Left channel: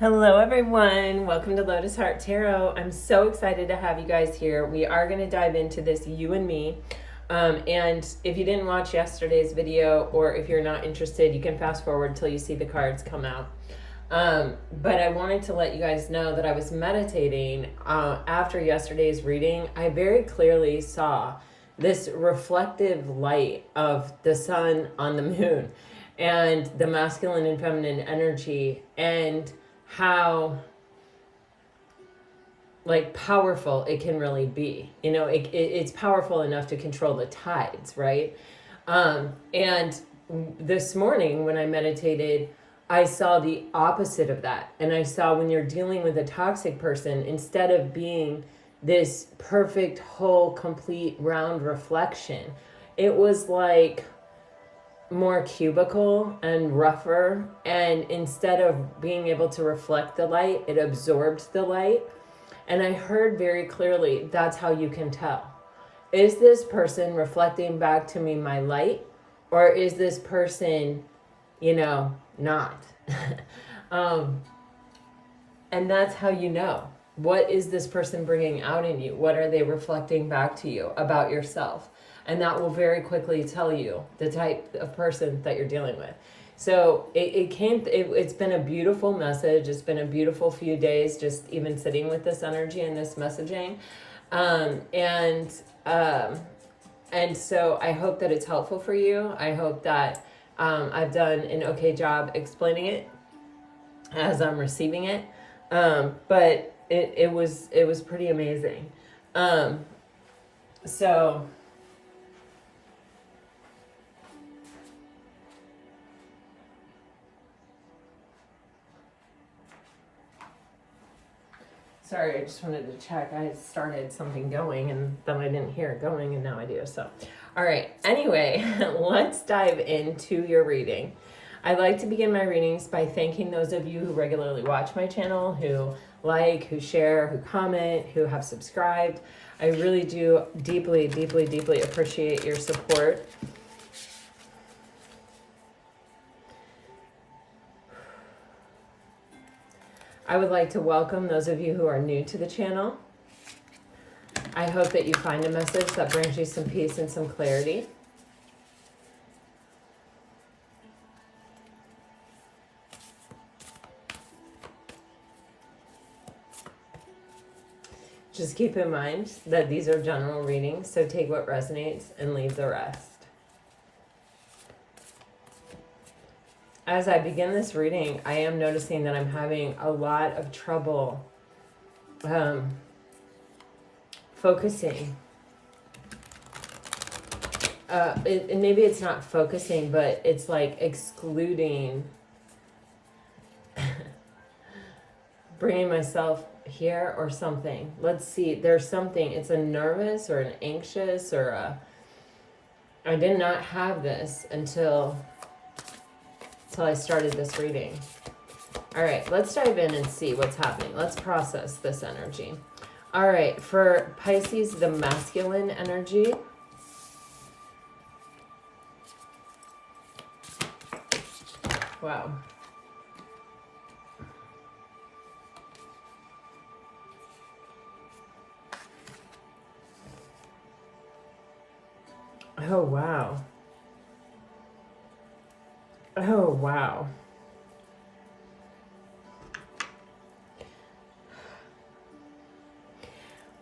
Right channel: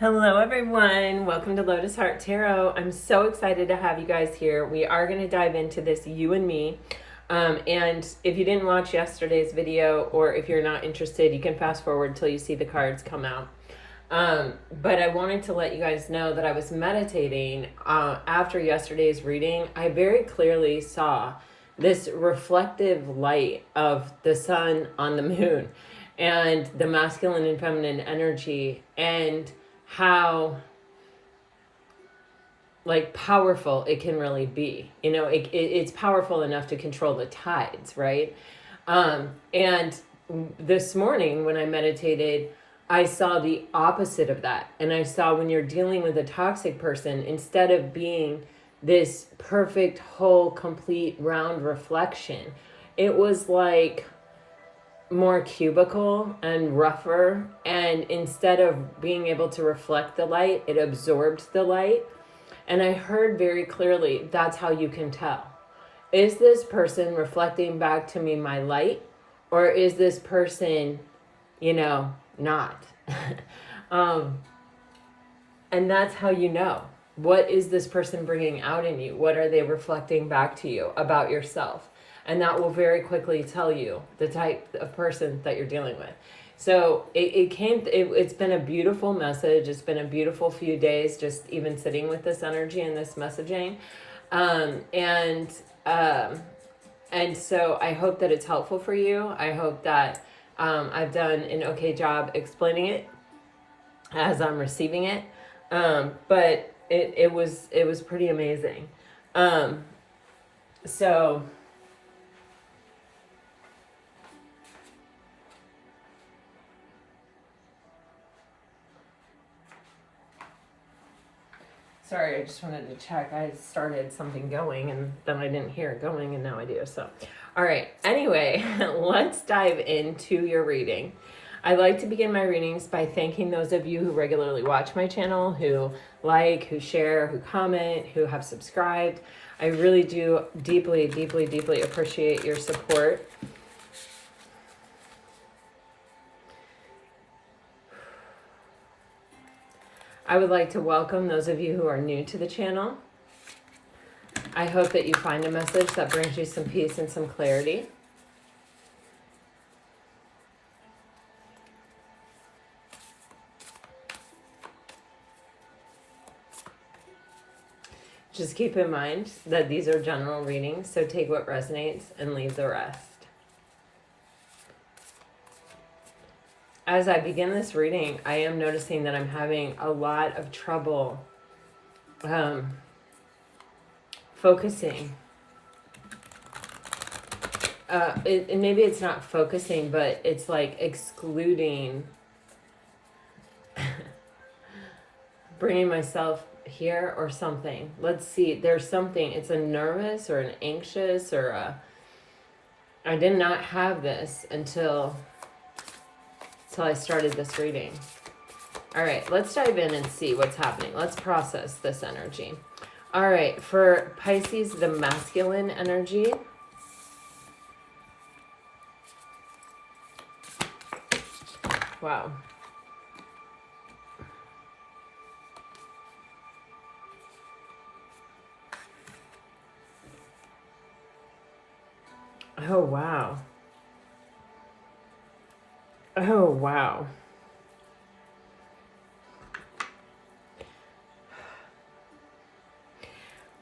Hello everyone, welcome to Lotus Heart Tarot. I'm so excited to have you guys here. We are going to dive into this you and me. And if you didn't watch yesterday's video, or if you're not interested, you can fast forward till you see the cards come out. But I wanted to let you guys know that I was meditating after yesterday's reading. I very clearly saw this reflective light of the sun on the moon and the masculine and feminine energy, and how like powerful it can really be. You know, it's powerful enough to control the tides, right? And this morning when I meditated, I saw the opposite of that. And I saw when you're dealing with a toxic person, instead of being this perfect, whole, complete, round reflection, it was like more cubical and rougher, and instead of being able to reflect the light, it absorbed the light. And I heard very clearly, that's how you can tell. Is this person reflecting back to me my light, or is this person, you know, not? And that's how you know. What is this person bringing out in you? What are they reflecting back to you about yourself? And that will very quickly tell you the type of person that you're dealing with. So it's been a beautiful message. It's been a beautiful few days, just even sitting with this energy and this messaging. And so I hope that it's helpful for you. I hope that I've done an okay job explaining it as I'm receiving it. But it was pretty amazing. So sorry, I just wanted to check. I started something going and then I didn't hear it going, and now I do. So, all right. Anyway, let's dive into your reading. I like to begin my readings by thanking those of you who regularly watch my channel, who like, who share, who comment, who have subscribed. I really do deeply, deeply, deeply appreciate your support. I would like to welcome those of you who are new to the channel. I hope that you find a message that brings you some peace and some clarity. Just keep in mind that these are general readings, so take what resonates and leave the rest. As I begin this reading, I am noticing that I'm having a lot of trouble focusing. And maybe it's not focusing, but it's like excluding, bringing myself here or something. Let's see, there's something, it's a nervous or an anxious or I did not have this until I started this reading. All right, let's dive in and see what's happening. Let's process this energy. All right, for Pisces, the masculine energy. Wow. Oh, wow. Oh, wow.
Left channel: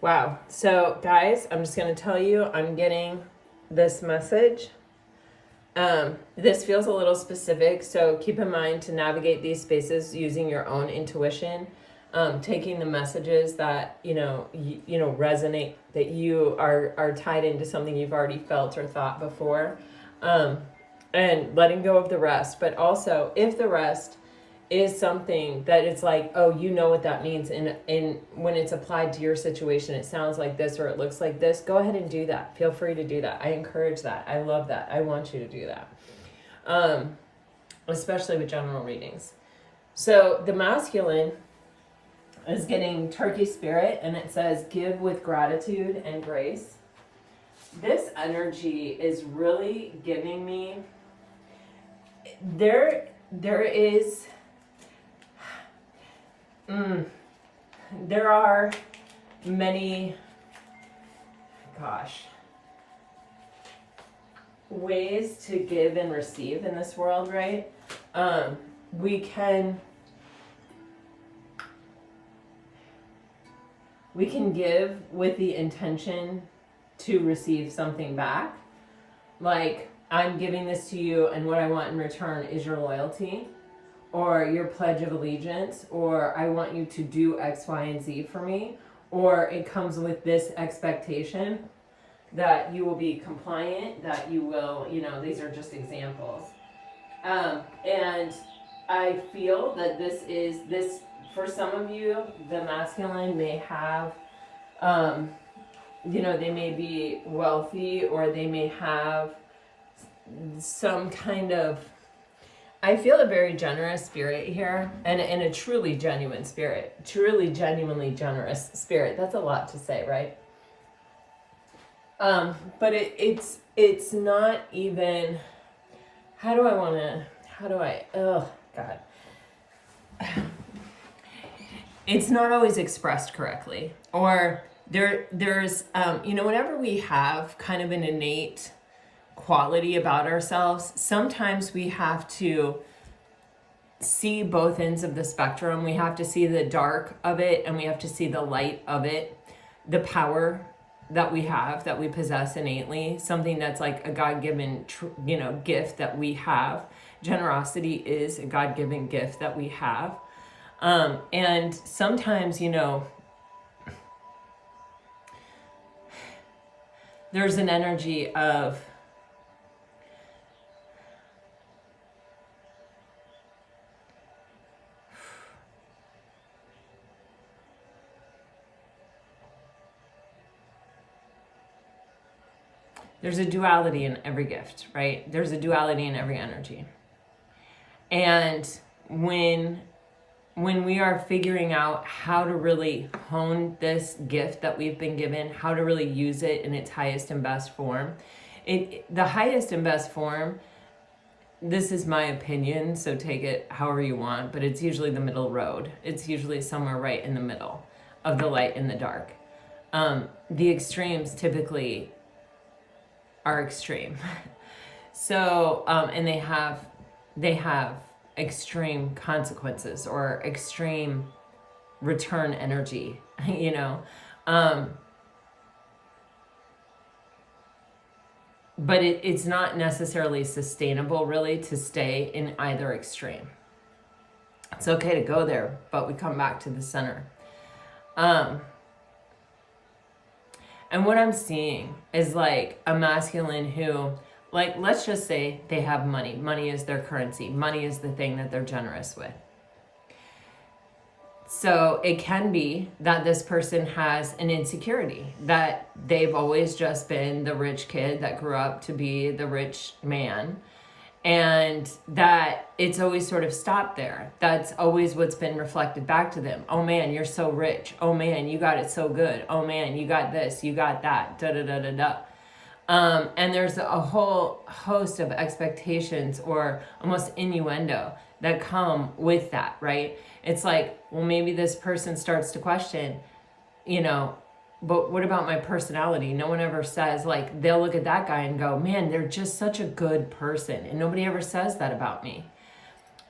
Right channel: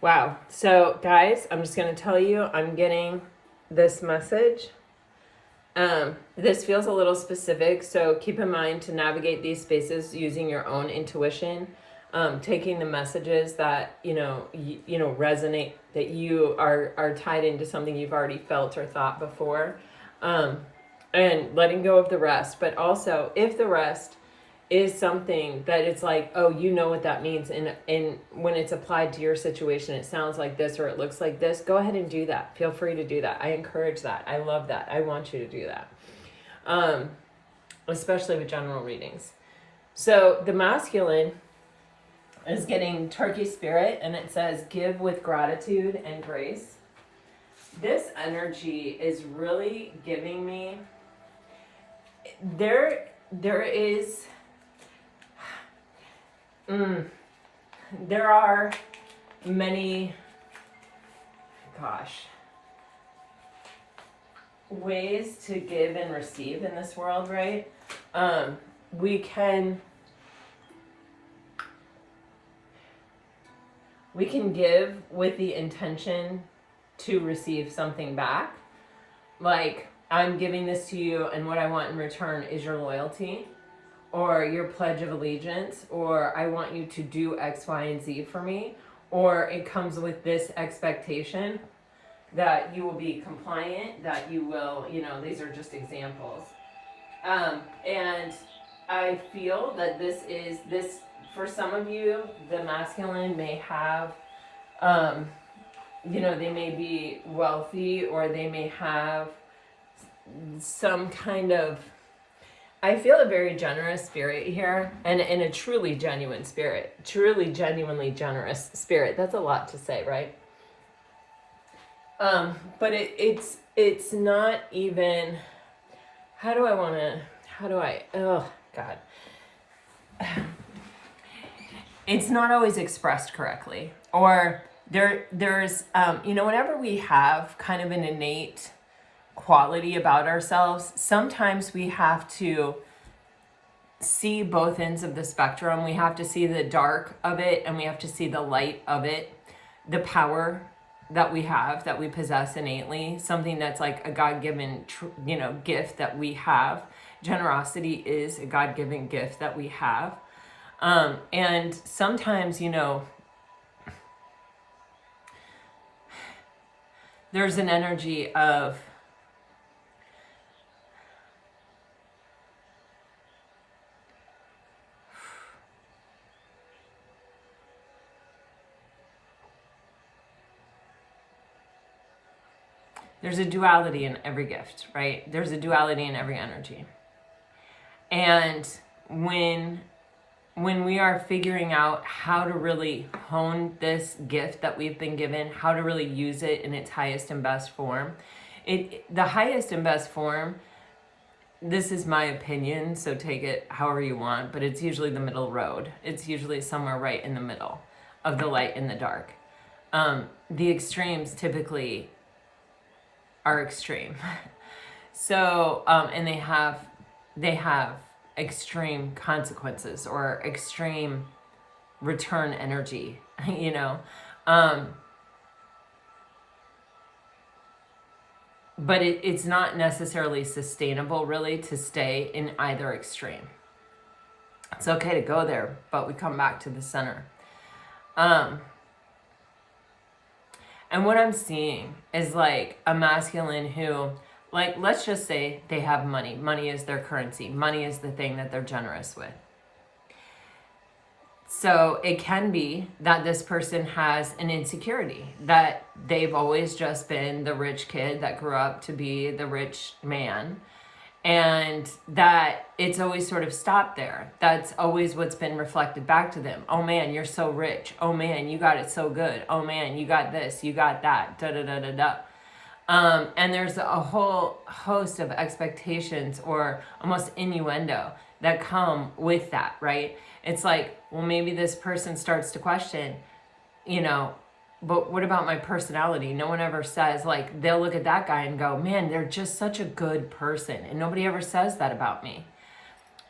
Wow. So, guys, I'm just going to tell you, I'm getting this message. This feels a little specific, so keep in mind to navigate these spaces using your own intuition, taking the messages that, you know, resonate, that you are tied into something you've already felt or thought before. And letting go of the rest. But also, if the rest is something that it's like, oh, you know what that means, and when it's applied to your situation, it sounds like this or it looks like this, go ahead and do that. Feel free to do that. I encourage that. I love that. I want you to do that. Especially with general readings. So the masculine is getting turkey spirit, and it says, give with gratitude and grace. This energy is really giving me, there is There are many, ways to give and receive in this world, right? We can give with the intention to receive something back. Like, I'm giving this to you, and what I want in return is your loyalty, or your pledge of allegiance, or I want you to do X, Y, and Z for me, or it comes with this expectation that you will be compliant, that you will, these are just examples. And I feel that this, for some of you, the masculine may have, they may be wealthy, or they may have some kind of, I feel a very generous spirit here, and a truly genuine spirit, truly genuinely generous spirit. That's a lot to say, right? But it's not even, oh God. It's not always expressed correctly, or there's, whenever we have kind of an innate quality about ourselves, sometimes we have to see both ends of the spectrum. We have to see the dark of it, and we have to see the light of it, the power that we have, that we possess innately, something that's like a God-given, gift that we have. Generosity is a God-given gift that we have. And sometimes, there's an energy of, there's a duality in every gift, right? There's a duality in every energy. And when we are figuring out how to really hone this gift that we've been given, how to really use it in its highest and best form, the highest and best form, this is my opinion, so take it however you want, but it's usually the middle road. It's usually somewhere right in the middle of the light and the dark. The extremes typically are extreme. So, and they have extreme consequences, or extreme return energy, but it's not necessarily sustainable really to stay in either extreme. It's okay to go there, but we come back to the center. And what I'm seeing is like a masculine who, like, let's just say they have money. Money is their currency. Money is the thing that they're generous with. So it can be that this person has an insecurity, that they've always just been the rich kid that grew up to be the rich man, and that it's always sort of stopped there. That's always what's been reflected back to them. Oh man, you're so rich. Oh man, you got it so good. Oh man, you got this, you got that, da da da da da. And there's a whole host of expectations, or almost innuendo, that come with that, right? It's like, well, maybe this person starts to question, but what about my personality? No one ever says, like, they'll look at that guy and go, man, they're just such a good person. And nobody ever says that about me.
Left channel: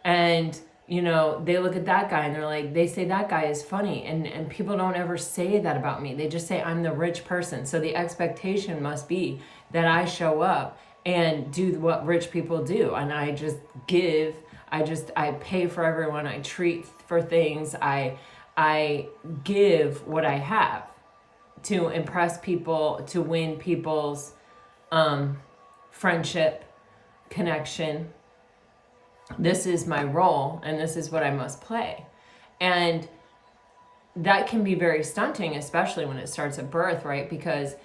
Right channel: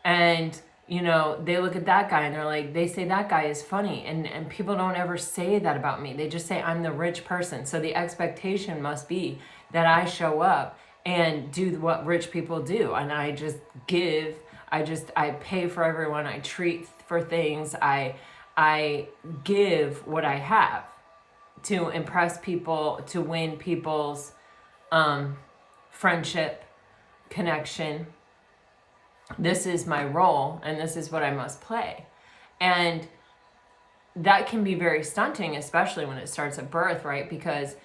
And, they look at that guy and they're like, they say that guy is funny. And people don't ever say that about me. They just say I'm the rich person. So the expectation must be that I show up and do what rich people do. And I just give, I pay for everyone. I treat for things. I give what I have to impress people, to win people's friendship, connection. This is my role, and this is what I must play. And that can be very stunting, especially when it starts at birth, right? Because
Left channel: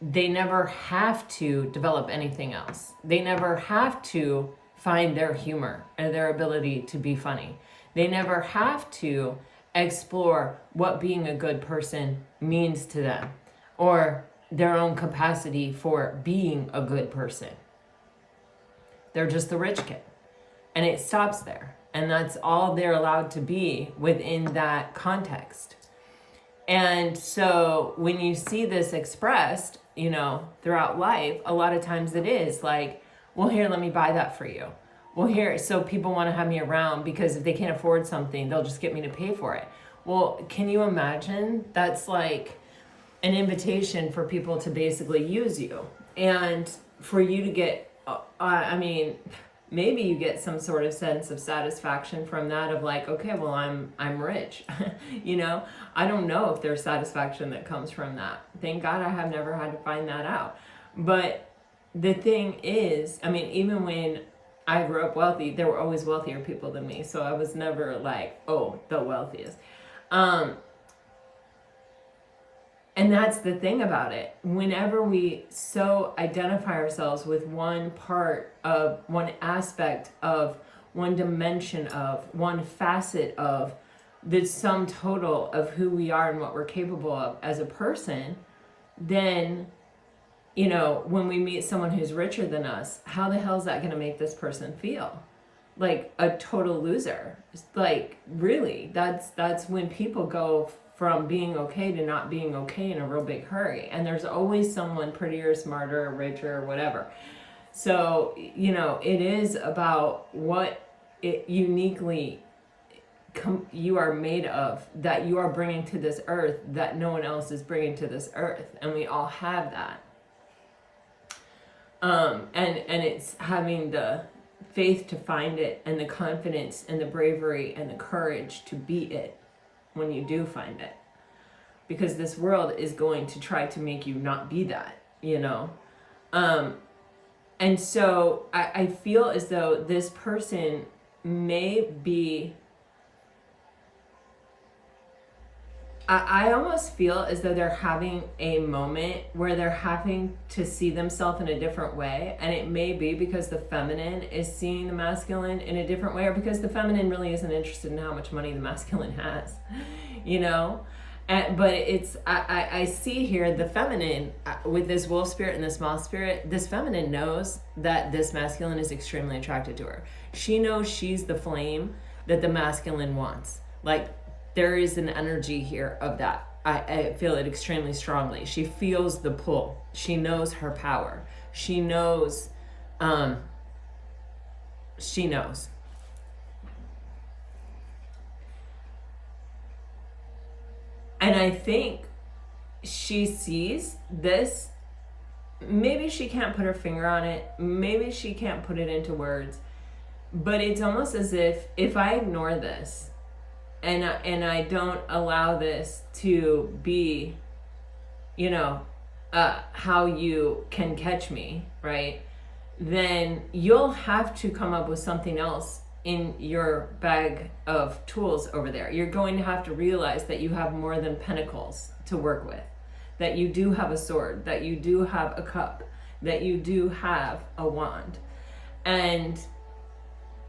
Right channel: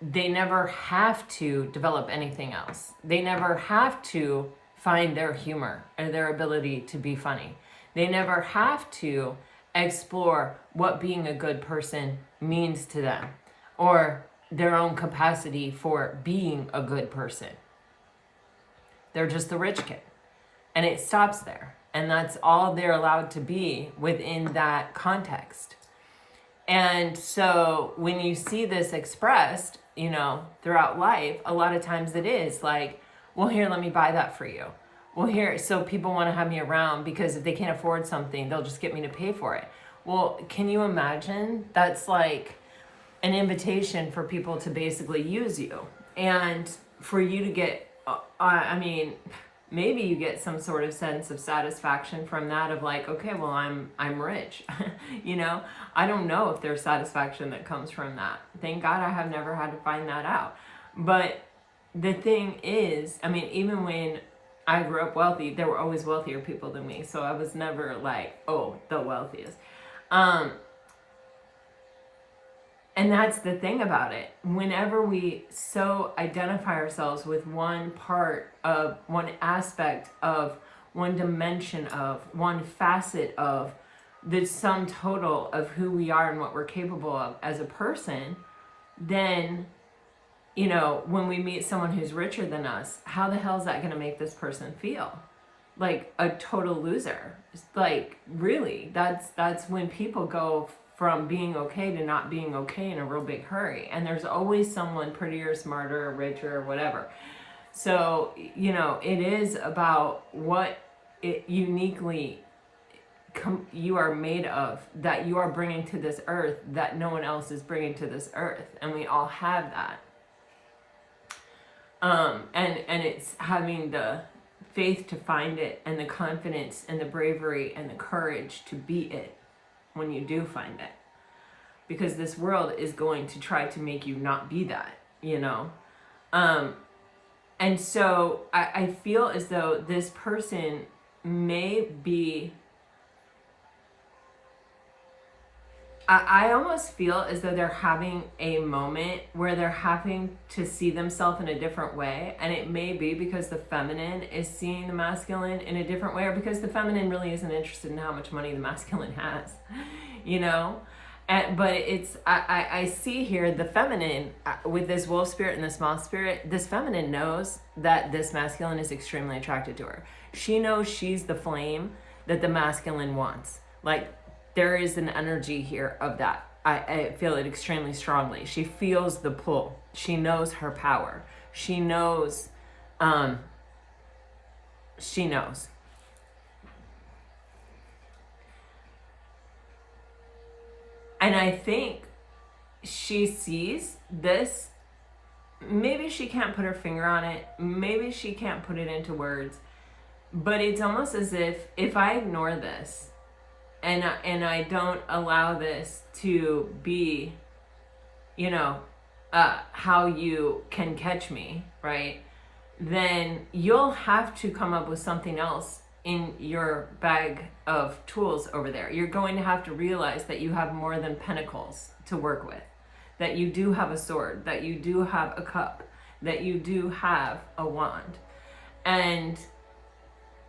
they never have to develop anything else. They never have to find their humor or their ability to be funny. They never have to explore what being a good person means to them, or their own capacity for being a good person. They're just the rich kid. And it stops there. And that's all they're allowed to be within that context. And so when you see this expressed, you know, throughout life, a lot of times it is like, well, here, let me buy that for you. Well, here, so people want to have me around because if they can't afford something, they'll just get me to pay for it. Well, can you imagine? That's like an invitation for people to basically use you. And for you to get, I mean, maybe you get some sort of sense of satisfaction from that of like, okay, well, I'm rich, you know? I don't know if there's satisfaction that comes from that. Thank God I have never had to find that out. But the thing is, I mean, even when I grew up wealthy, there were always wealthier people than me. So I was never like, oh, the wealthiest. And that's the thing about it. Whenever we so identify ourselves with one part of, one aspect of, one dimension of, one facet of the sum total of who we are and what we're capable of as a person, then, you know, when we meet someone who's richer than us, how the hell is that going to make this person feel? Like a total loser. Like, really, that's when people go from being okay to not being okay in a real big hurry. And there's always someone prettier, smarter, richer, whatever. So, you know, it is about what it uniquely you are made of, that you are bringing to this earth that no one else is bringing to this earth. And we all have that. And it's having the faith to find it, and the confidence and the bravery and the courage to be it when you do find it, because this world is going to try to make you not be that, you know. And so I feel as though this person may be, I almost feel as though they're having a moment where they're having to see themselves in a different way. And it may be because the feminine is seeing the masculine in a different way, or because the feminine really isn't interested in how much money the masculine has, you know? But it's, I see here the feminine with this wolf spirit and this moth spirit. This feminine knows that this masculine is extremely attracted to her. She knows she's the flame that the masculine wants. Like, there is an energy here of that. I feel it extremely strongly. She feels the pull. She knows her power. She knows, she knows. And I think she sees this. Maybe she can't put her finger on it. Maybe she can't put it into words. But it's almost as if I ignore this, and I don't allow this to be, you know, how you can catch me, right? Then you'll have to come up with something else in your bag of tools over there. You're going to have to realize that you have more than pentacles to work with, that you do have a sword, that you do have a cup, that you do have a wand. And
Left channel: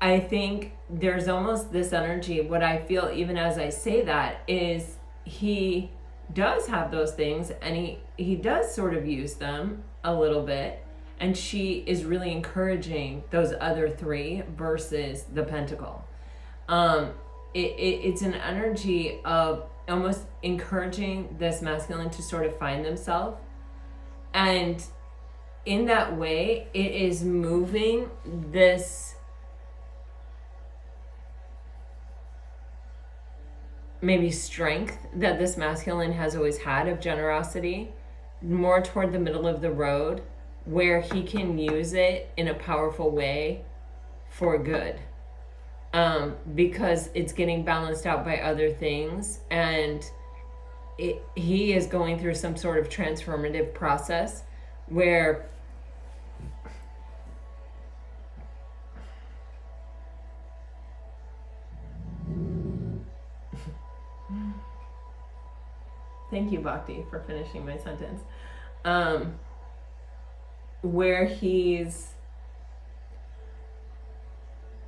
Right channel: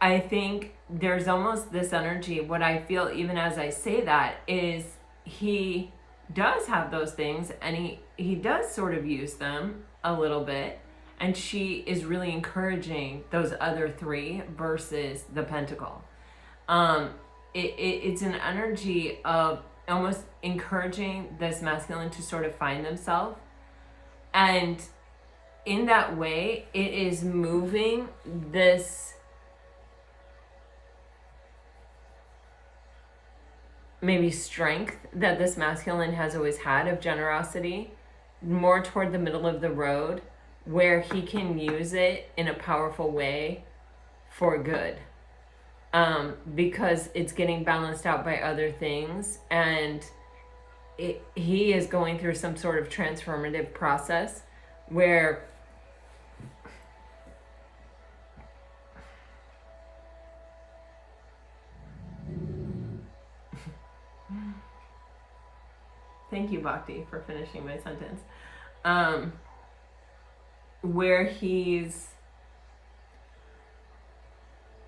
I think there's almost this energy, what I feel even as I say that is he does have those things, and he does sort of use them a little bit. And she is really encouraging those other three versus the pentacle. It's an energy of almost encouraging this masculine to sort of find themselves. And in that way, it is moving this maybe strength that this masculine has always had of generosity more toward the middle of the road, where he can use it in a powerful way for good, because it's getting balanced out by other things, and he is going through some sort of transformative process where thank you, Bhakti, for finishing my sentence. Where he's,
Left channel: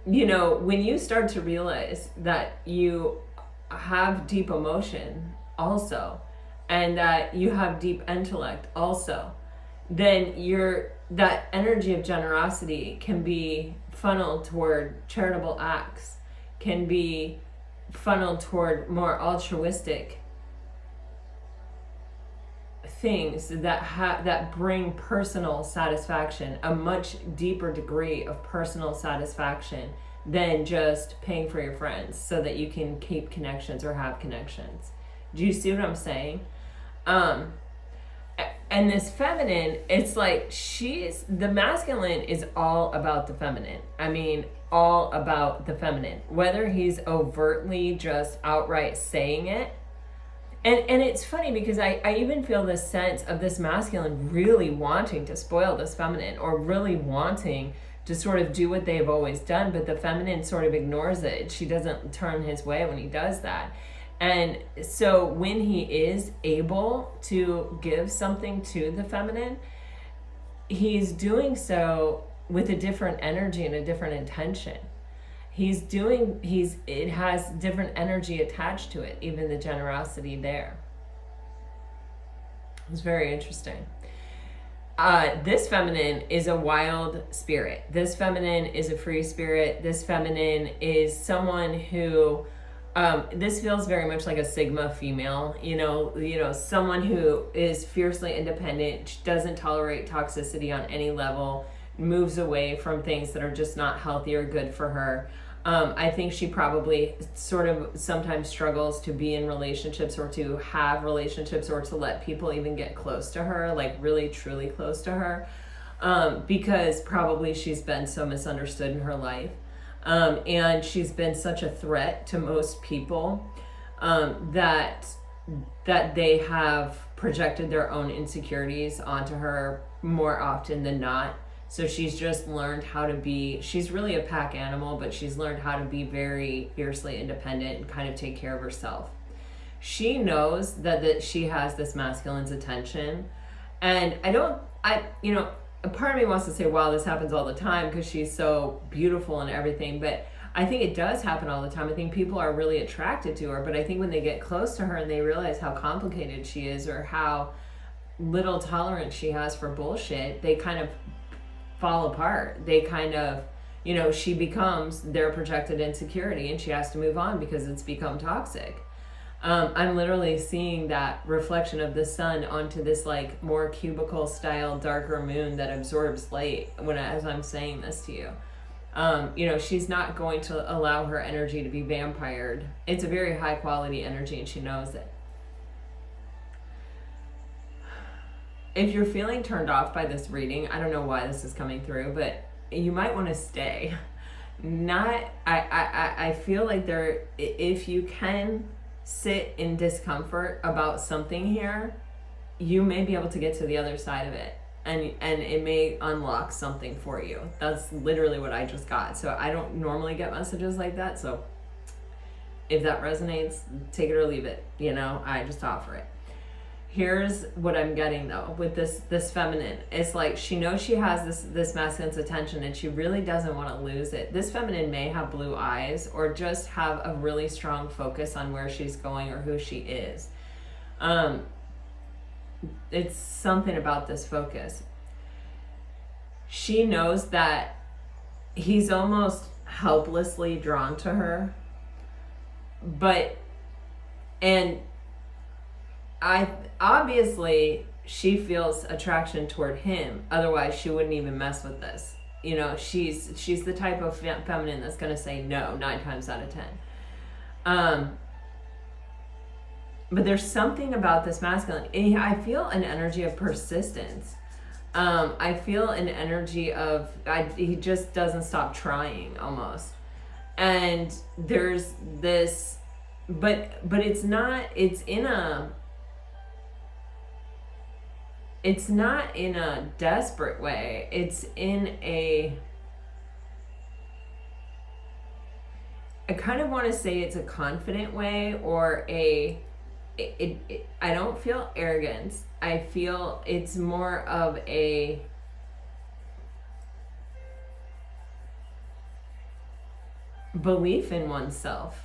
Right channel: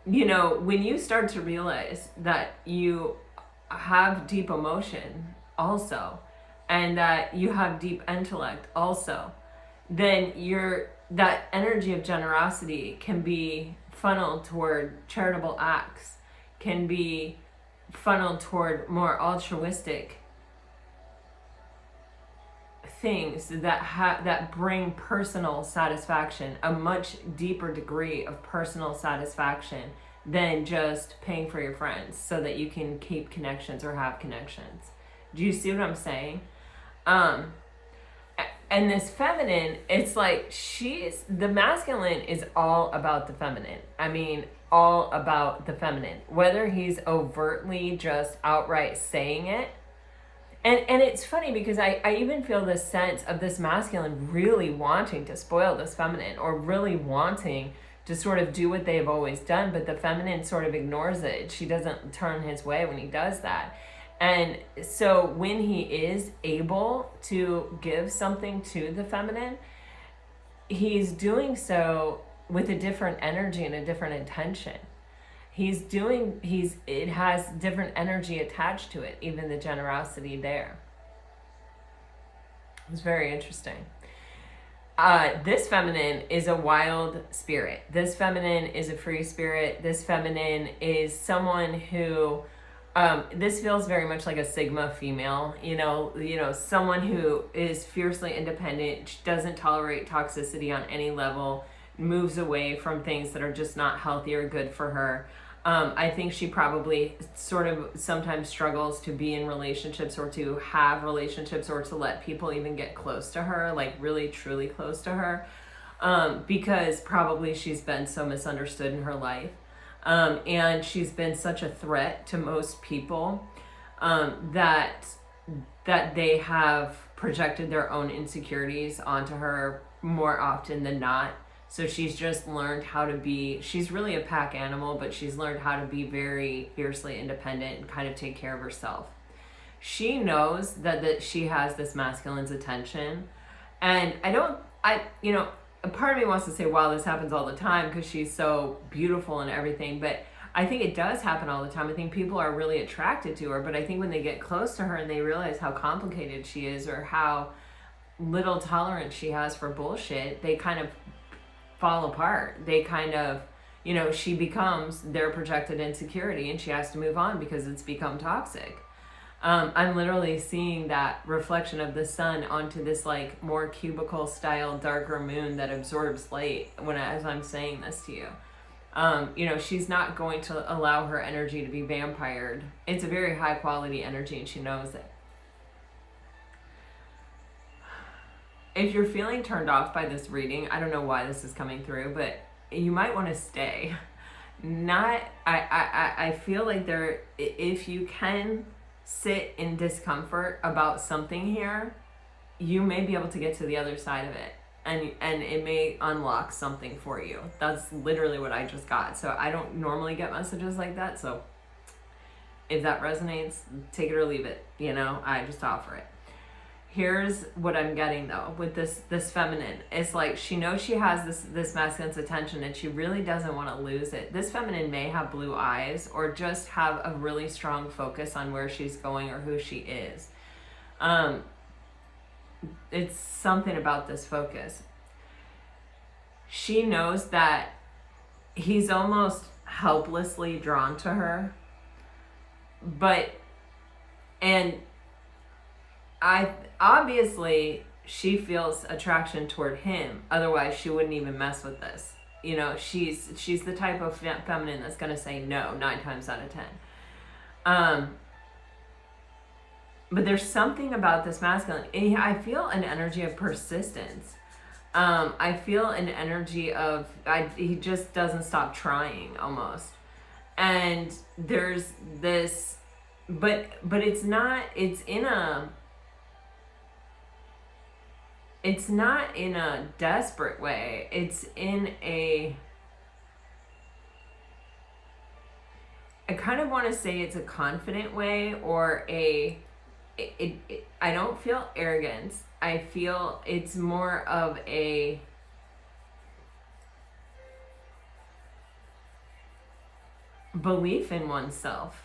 you know, when you start to realize that you have deep emotion also, and that you have deep intellect also, then that energy of generosity can be funneled toward charitable acts. can be funneled toward more altruistic things that bring personal satisfaction, a much deeper degree of personal satisfaction than just paying for your friends so that you can keep connections or have connections. Do you see what I'm saying? And this feminine, it's like the masculine is all about the feminine. I mean, all about the feminine. Whether he's overtly just outright saying it. And it's funny because I even feel this sense of this masculine really wanting to spoil this feminine, or really wanting to sort of do what they've always done, but the feminine sort of ignores it. She doesn't turn his way when he does that. And so when he is able to give something to the feminine, he's doing so with a different energy and a different intention. It has different energy attached to it, even the generosity there. It's very interesting. This feminine is a wild spirit. This feminine is a free spirit. This feminine is someone who, this feels very much like a Sigma female, someone who is fiercely independent, doesn't tolerate toxicity on any level, moves away from things that are just not healthy or good for her. I think she probably sort of sometimes struggles to be in relationships, or to have relationships, or to let people even get close to her, like really truly close to her, because probably she's been so misunderstood in her life. And she's been such a threat to most people, that they have projected their own insecurities onto her more often than not. So she's just learned how to be, she's really a pack animal, but she's learned how to be very fiercely independent and kind of take care of herself. She knows that she has this masculine's attention. And a part of me wants to say, wow, this happens all the time because she's so beautiful and everything. But I think it does happen all the time. I think people are really attracted to her. But I think when they get close to her and they realize how complicated she is, or how little tolerance she has for bullshit, they kind of fall apart. They kind of, she becomes their projected insecurity, and she has to move on because it's become toxic. I'm literally seeing that reflection of the sun onto this like more cubicle style darker moon that absorbs light as I'm saying this to you. She's not going to allow her energy to be vampired. It's a very high quality energy, and she knows it. If you're feeling turned off by this reading, I don't know why this is coming through, but you might want to stay. I feel like if you can sit in discomfort about something here, you may be able to get to the other side of it, and it may unlock something for you. That's literally what I just got. So I don't normally get messages like that. So if that resonates, take it or leave it. I just offer it. Here's what I'm getting though with this feminine. It's like she knows she has this masculine's attention, and she really doesn't want to lose it. This feminine may have blue eyes, or just have a really strong focus on where she's going or who she is. It's something about this focus. She knows that he's almost helplessly drawn to her, obviously she feels attraction toward him. Otherwise she wouldn't even mess with this. She's the type of feminine that's going to say no 9 times out of 10. But there's something about this masculine. I feel an energy of persistence. I feel an energy of he just doesn't stop trying almost. And there's this, but it's not in a desperate way. It's in I kind of want to say it's a confident way, or I don't feel arrogance. I feel it's more of a belief in oneself,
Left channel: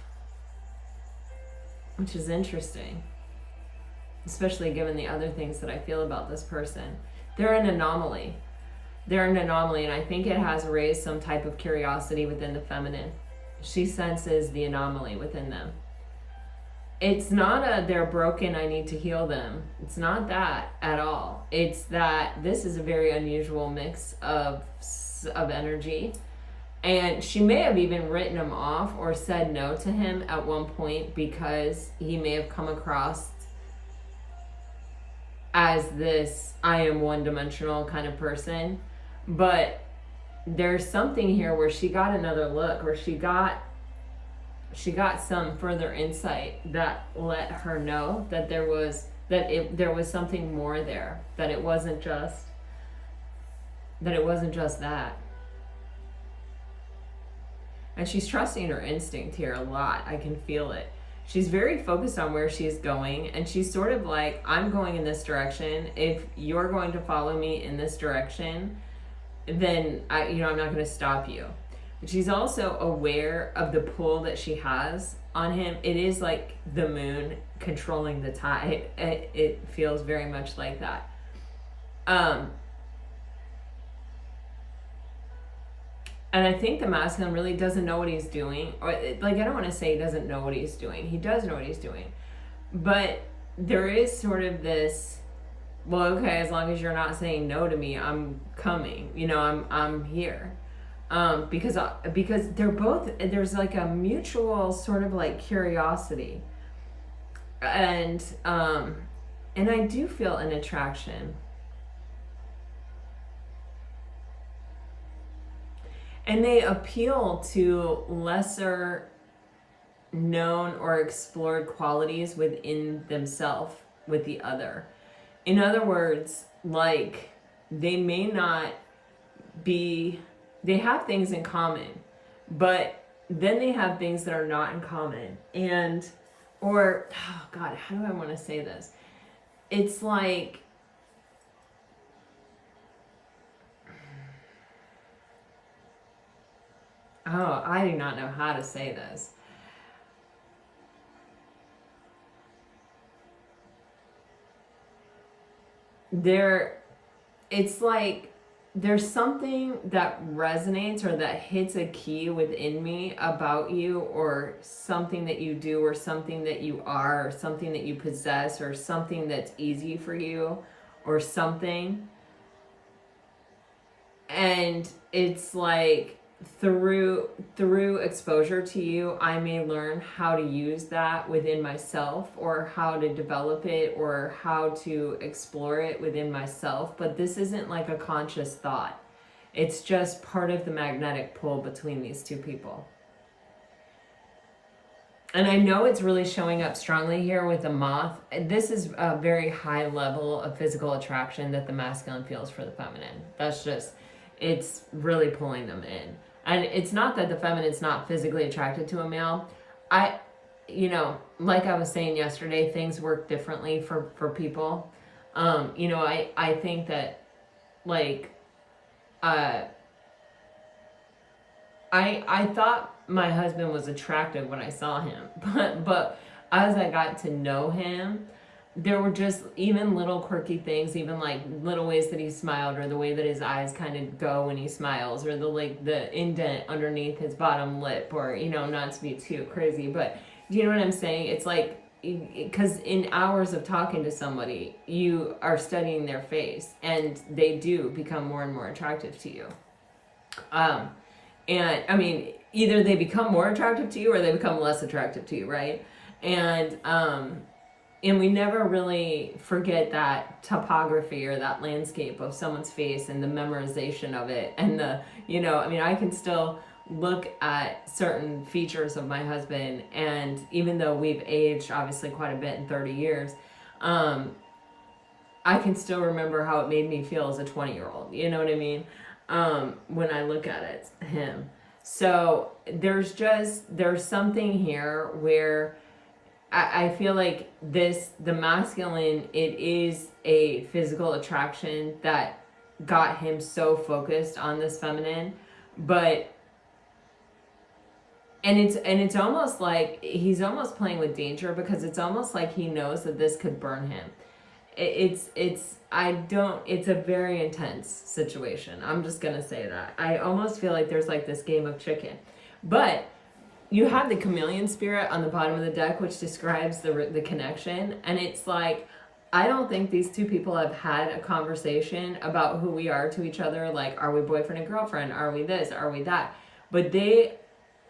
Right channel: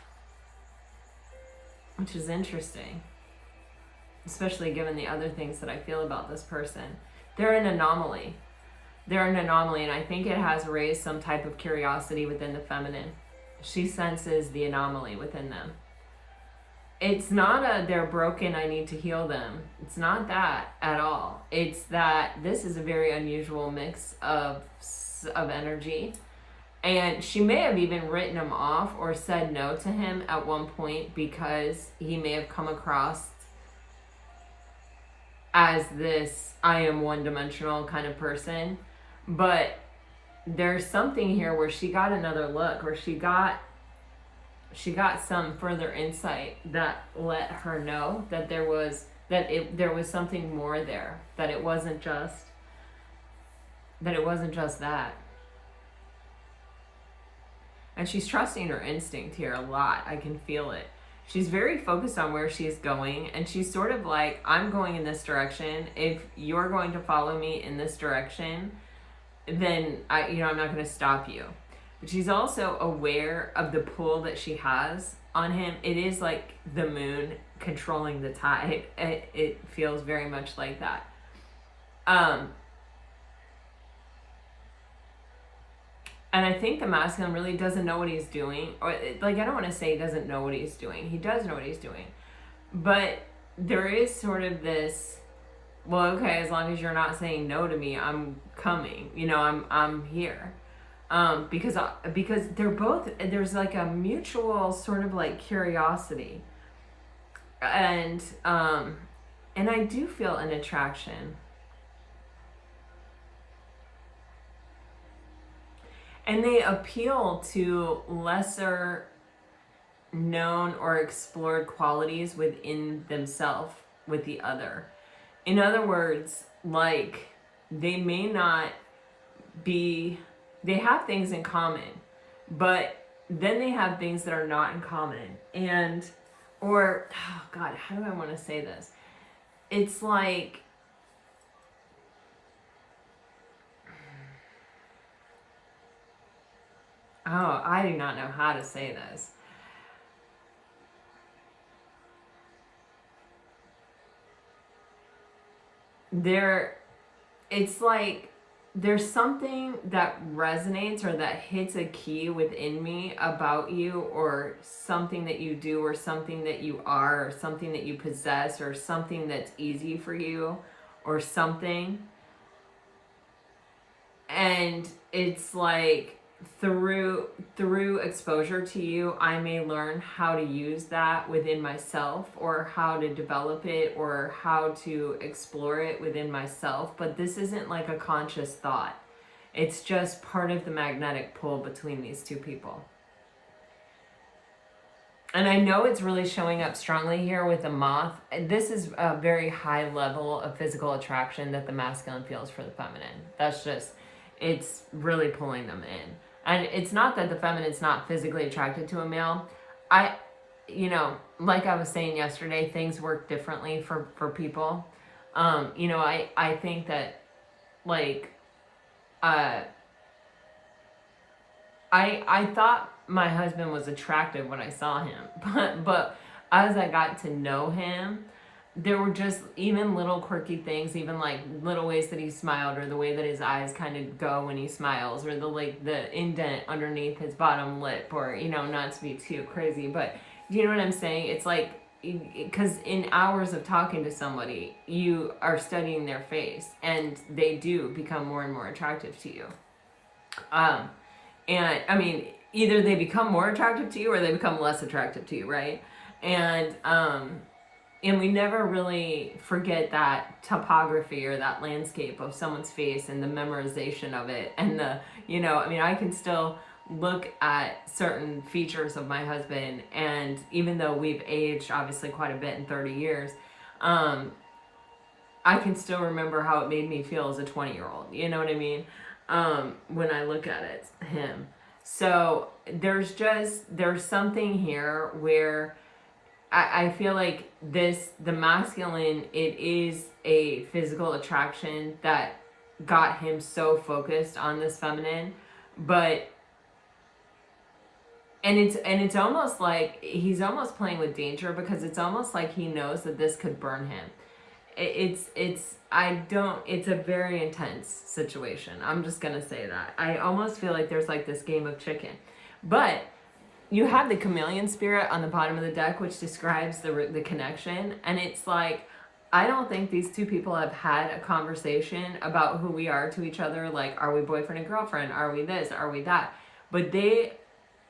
which is interesting. Especially given the other things that I feel about this person. They're an anomaly. And I think it has raised some type of curiosity within the feminine. she senses the anomaly within them. It's not a they're broken, I need to heal them. It's not that at all. It's that this is a very unusual mix of energy. And she may have even written him off or said no to him at one point because he may have come across as this I am one-dimensional kind of person. But there's something here where she got another look, or she got some further insight that let her know that there was something more there, that it wasn't just that. And she's trusting her instinct here a lot. I can feel it. She's very focused on where she's going, and she's sort of like, I'm going in this direction. If you're going to follow me in this direction, then I'm not going to stop you. But she's also aware of the pull that she has on him. It is like the moon controlling the tide. It feels very much like that. And I think the masculine really doesn't know what he's doing. Or I don't want to say he doesn't know what he's doing. He does know what he's doing. But there is sort of this, well, okay, as long as you're not saying no to me, I'm coming. I'm here. Because they're both, there's like a mutual sort of like curiosity. And I do feel an attraction. And they appeal to lesser known or explored qualities within themselves with the other. In other words, like, they may not be, they have things in common, but then they have things that are not in common. And, or, oh God, how do I want to say this? It's like, oh, I do not know how to say this. It's like there's something that resonates or that hits a key within me about you, or something that you do, or something that you are, or something that you possess, or something that's easy for you, or something. And it's like, through exposure to you, I may learn how to use that within myself, or how to develop it, or how to explore it within myself. But this isn't like a conscious thought. It's just part of the magnetic pull between these two people. And I know it's really showing up strongly here with the moth. This is a very high level of physical attraction that the masculine feels for the feminine. It's really pulling them in. And it's not that the feminine's not physically attracted to a male. Like I was saying yesterday, things work differently for people. I think that, like, I thought my husband was attractive when I saw him, but as I got to know him, there were just even little quirky things, even like little ways that he smiled, or the way that his eyes kind of go when he smiles, or the indent underneath his bottom lip, or, not to be too crazy, but you know what I'm saying? It's like, because in hours of talking to somebody, you are studying their face, and they do become more and more attractive to you. And I mean, either they become more attractive to you, or they become less attractive to you, right? And we never really forget that topography, or that landscape of someone's face, and the memorization of it. And I can still look at certain features of my husband, and even though we've aged obviously quite a bit in 30 years, I can still remember how it made me feel as a 20-year-old. You know what I mean? When I look at him. So there's something here where I feel like the masculine, it is a physical attraction that got him so focused on this feminine, and it's almost like he's almost playing with danger, because it's almost like he knows that this could burn him. It's a very intense situation. I'm just gonna say that. I almost feel like there's like this game of chicken, but you have the chameleon spirit on the bottom of the deck, which describes the connection. And it's like, I don't think these two people have had a conversation about who we are to each other. Like, are we boyfriend and girlfriend? Are we this? Are we that? But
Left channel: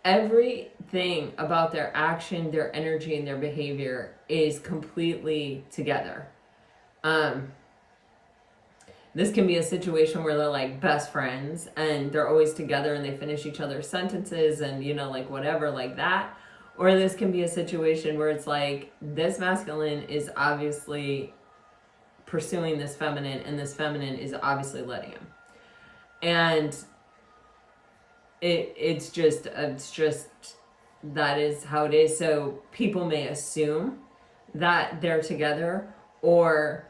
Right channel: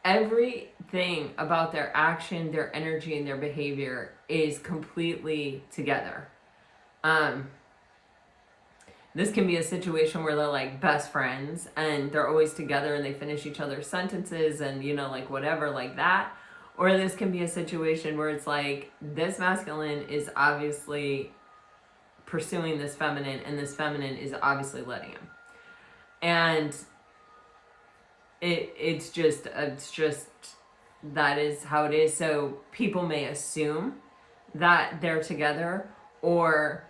everything about their action, their energy, and their behavior is completely together. This can be a situation where they're like best friends and they're always together and they finish each other's sentences and, you know, like whatever, like that. Or this can be a situation where it's like this masculine is obviously pursuing this feminine and this feminine is obviously letting him. And it's just that is how it is. So people may assume that they're together, or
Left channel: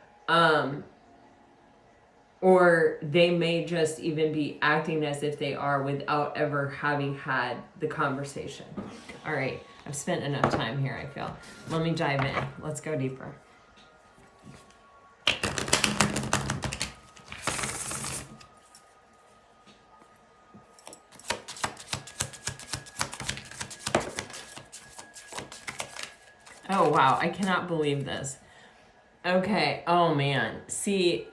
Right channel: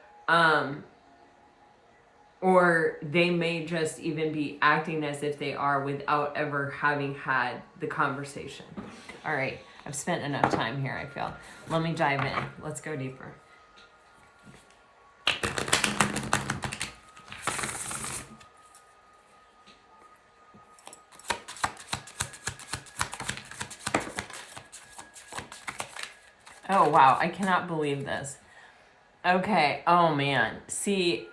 they may just even be acting as if they are without ever having had the conversation. All right, I've spent enough time here, I feel. Let me dive in. Let's go deeper. Oh, wow, I cannot believe this. Okay, oh man, see,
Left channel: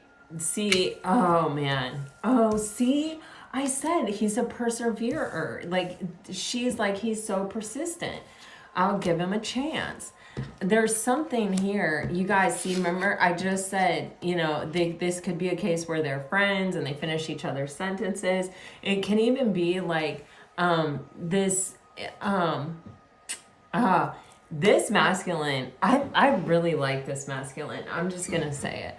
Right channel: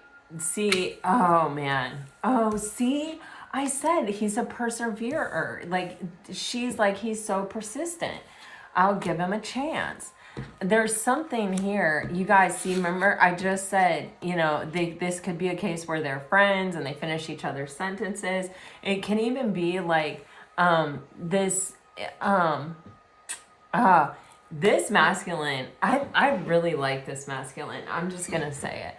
oh man. Oh, see, I said he's a perseverer. Like, she's like, he's so persistent. I'll give him a chance. There's something here. You guys see, remember, I just said, you know, this could be a case where they're friends and they finish each other's sentences. It can even be like this masculine, I really like this masculine. I'm just going to say it.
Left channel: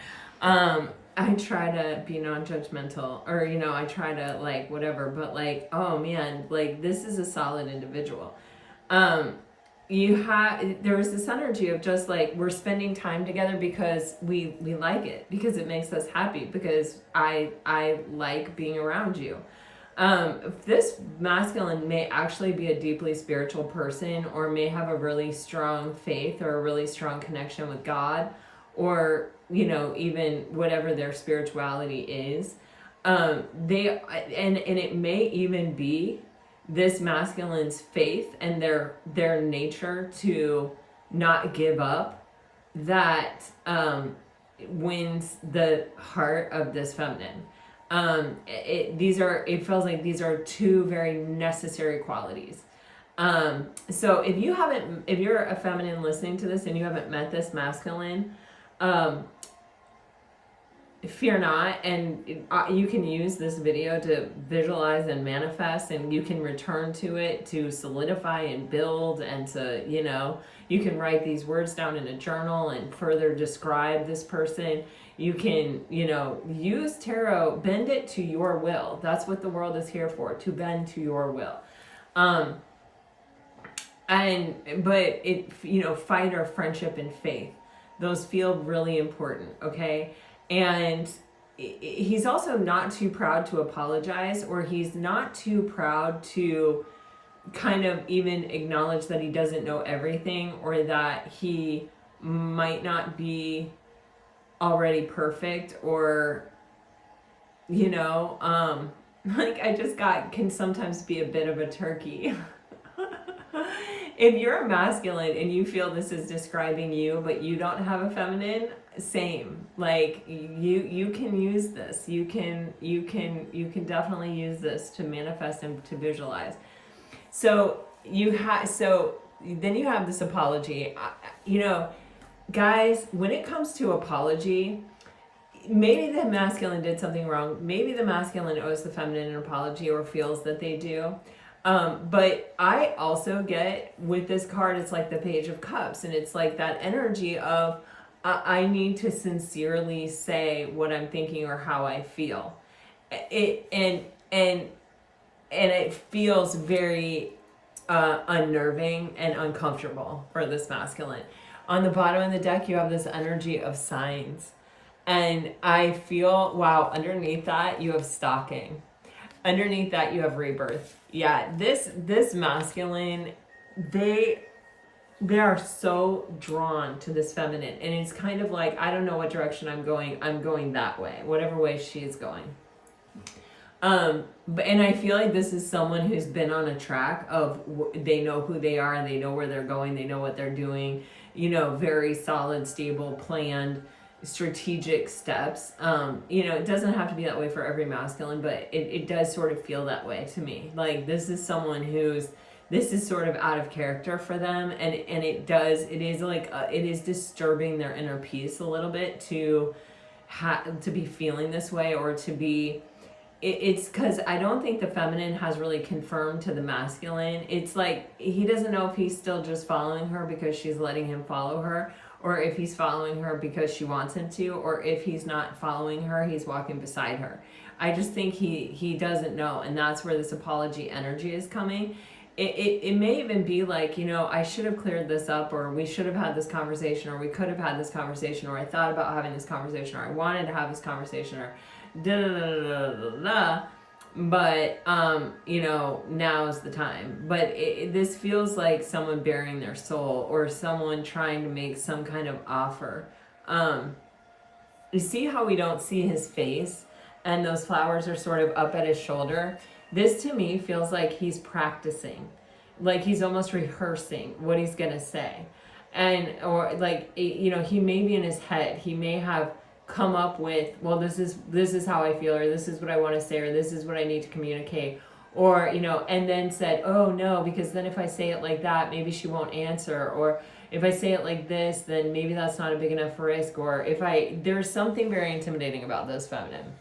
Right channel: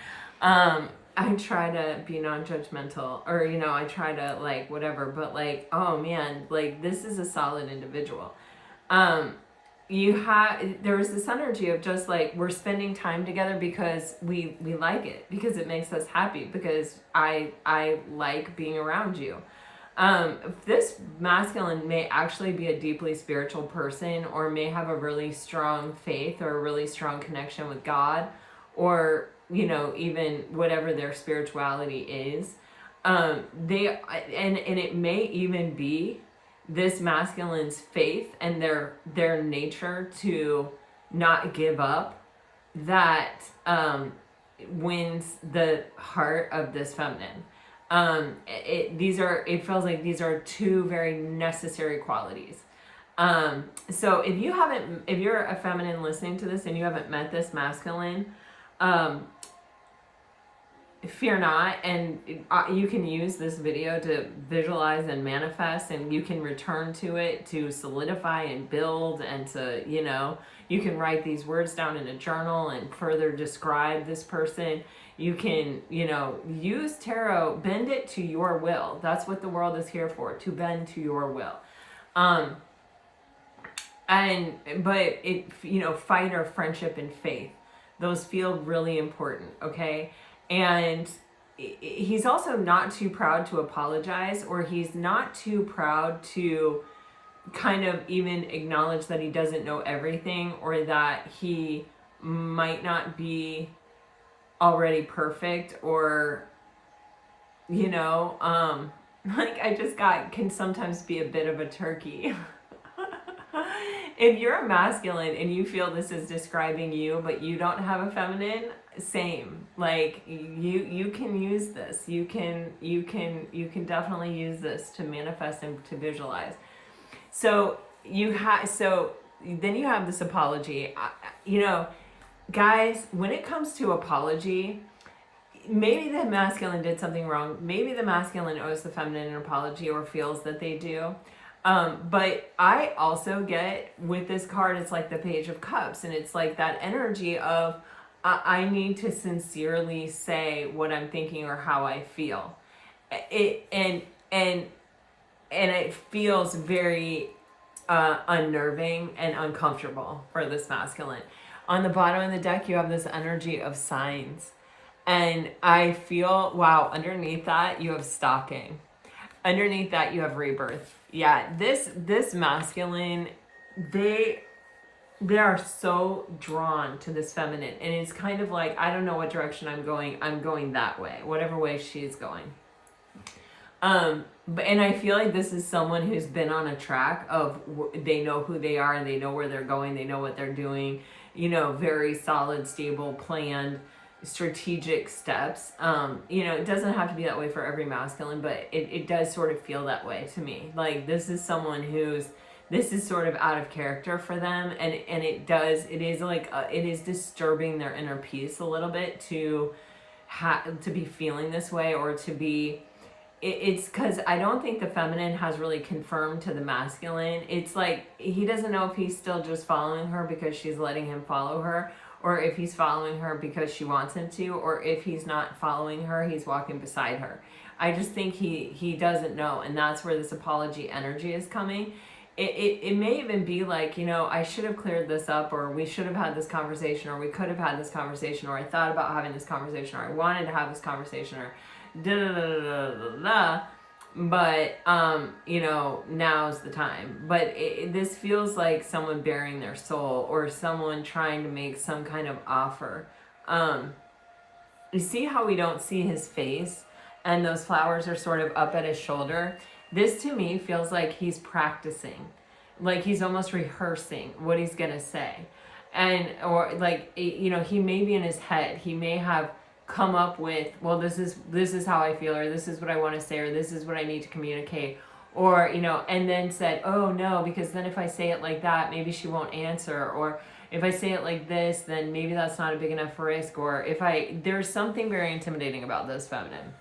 I try to be non-judgmental, or, you know, I try to like whatever, but like, oh man, like this is a solid individual. There's this energy of just like, we're spending time together because we like it, because it makes us happy, because I like being around you. This masculine may actually be a deeply spiritual person, or may have a really strong faith or a really strong connection with God, or, you know, even whatever their spirituality is. And it may even be this masculine's faith and their nature to not give up that wins the heart of this feminine. It feels like these are two very necessary qualities. So if you're a feminine listening to this and you haven't met this masculine, fear not, and you can use this video to visualize and manifest, and you can return to it to solidify and build, and to, you know, you can write these words down in a journal and further describe this person. You can, you know, use tarot, bend it to your will. That's what the world is here for, to bend to your will. But it, you know, fight or friendship and faith, those feel really important, okay? And he's also not too proud to apologize, or he's not too proud to kind of even acknowledge that he doesn't know everything, or that he might not be already perfect, or, you know, like I just can sometimes be a bit of a turkey. If you're a masculine and you feel this is describing you, but you don't have a feminine, same. Like you can use this. You can definitely use this to manifest and to visualize. So then you have this apology. You know, guys, when it comes to apology, maybe the masculine did something wrong. Maybe the masculine owes the feminine an apology, or feels that they do. But I also get with this card, it's like the Page of Cups, and it's like that energy of I need to sincerely say what I'm thinking or how I feel. And it feels very unnerving and uncomfortable for this masculine. On the bottom of the deck, you have this energy of signs. And I feel, wow, underneath that, you have stalking. Underneath that, you have rebirth. Yeah, this masculine, they are so drawn to this feminine. And it's kind of like, I don't know what direction I'm going that way, whatever way she's going. And I feel like this is someone who's been on a track of, they know who they are and they know where they're going, they know what they're doing, very solid, stable, planned, strategic steps. It doesn't have to be that way for every masculine, but it does sort of feel that way to me. Like, this is someone this is sort of out of character for them, and it is disturbing their inner peace a little bit to be feeling this way, or to be. It's because I don't think the feminine has really confirmed to the masculine. It's like he doesn't know if he's still just following her because she's letting him follow her, or if he's following her because she wants him to, or if he's not following her, he's walking beside her. I just think he doesn't know, and that's where this apology energy is coming. It may even be like, I should have cleared this up, or we should have had this conversation, or we could have had this conversation, or I thought about having this conversation, or I wanted to have this conversation, or but now is the time. But this feels like someone bearing their soul, or someone trying to make some kind of offer. You see how we don't see his face, and those flowers are sort of up at his shoulder? This to me feels like he's practicing, like he's almost rehearsing what he's gonna say. Or like, he may be in his head, he may have come up with, well, this is how I feel, or this is what I want to say, or this is what I need to communicate, or and then said, oh no, because then if I say it like that, maybe she won't answer, or if I say it like this, then maybe that's not a big enough risk, or there's something very intimidating about this feminine.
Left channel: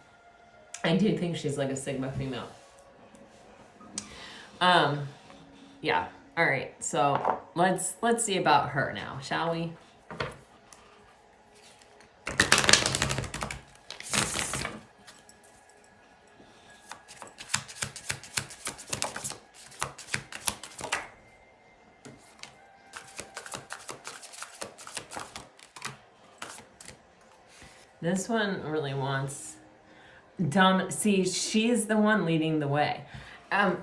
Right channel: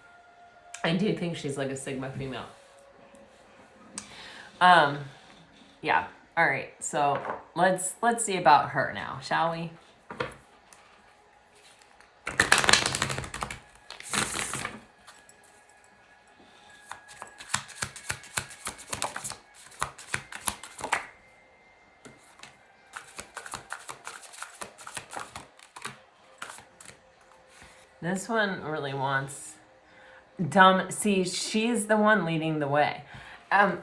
I do think she's like a Sigma female. Yeah. All right. So let's see about her now, shall we? This one really wants dumb. See, she's the one leading the way. And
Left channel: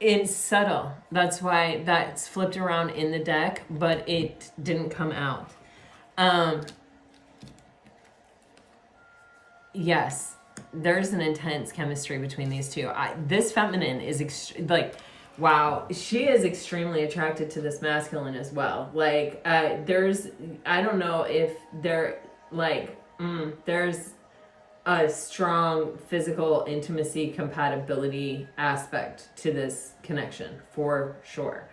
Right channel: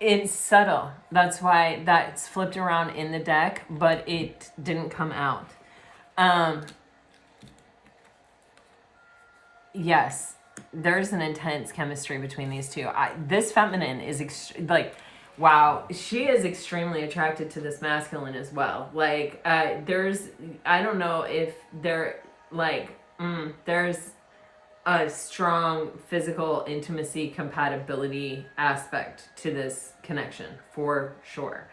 it's subtle. That's why that's flipped around in the deck, but it didn't come out. Yes, there's an intense chemistry between these two. This feminine is wow, she is extremely attracted to this masculine as well. Like, I don't know if there's a strong physical intimacy compatibility aspect to this connection for sure.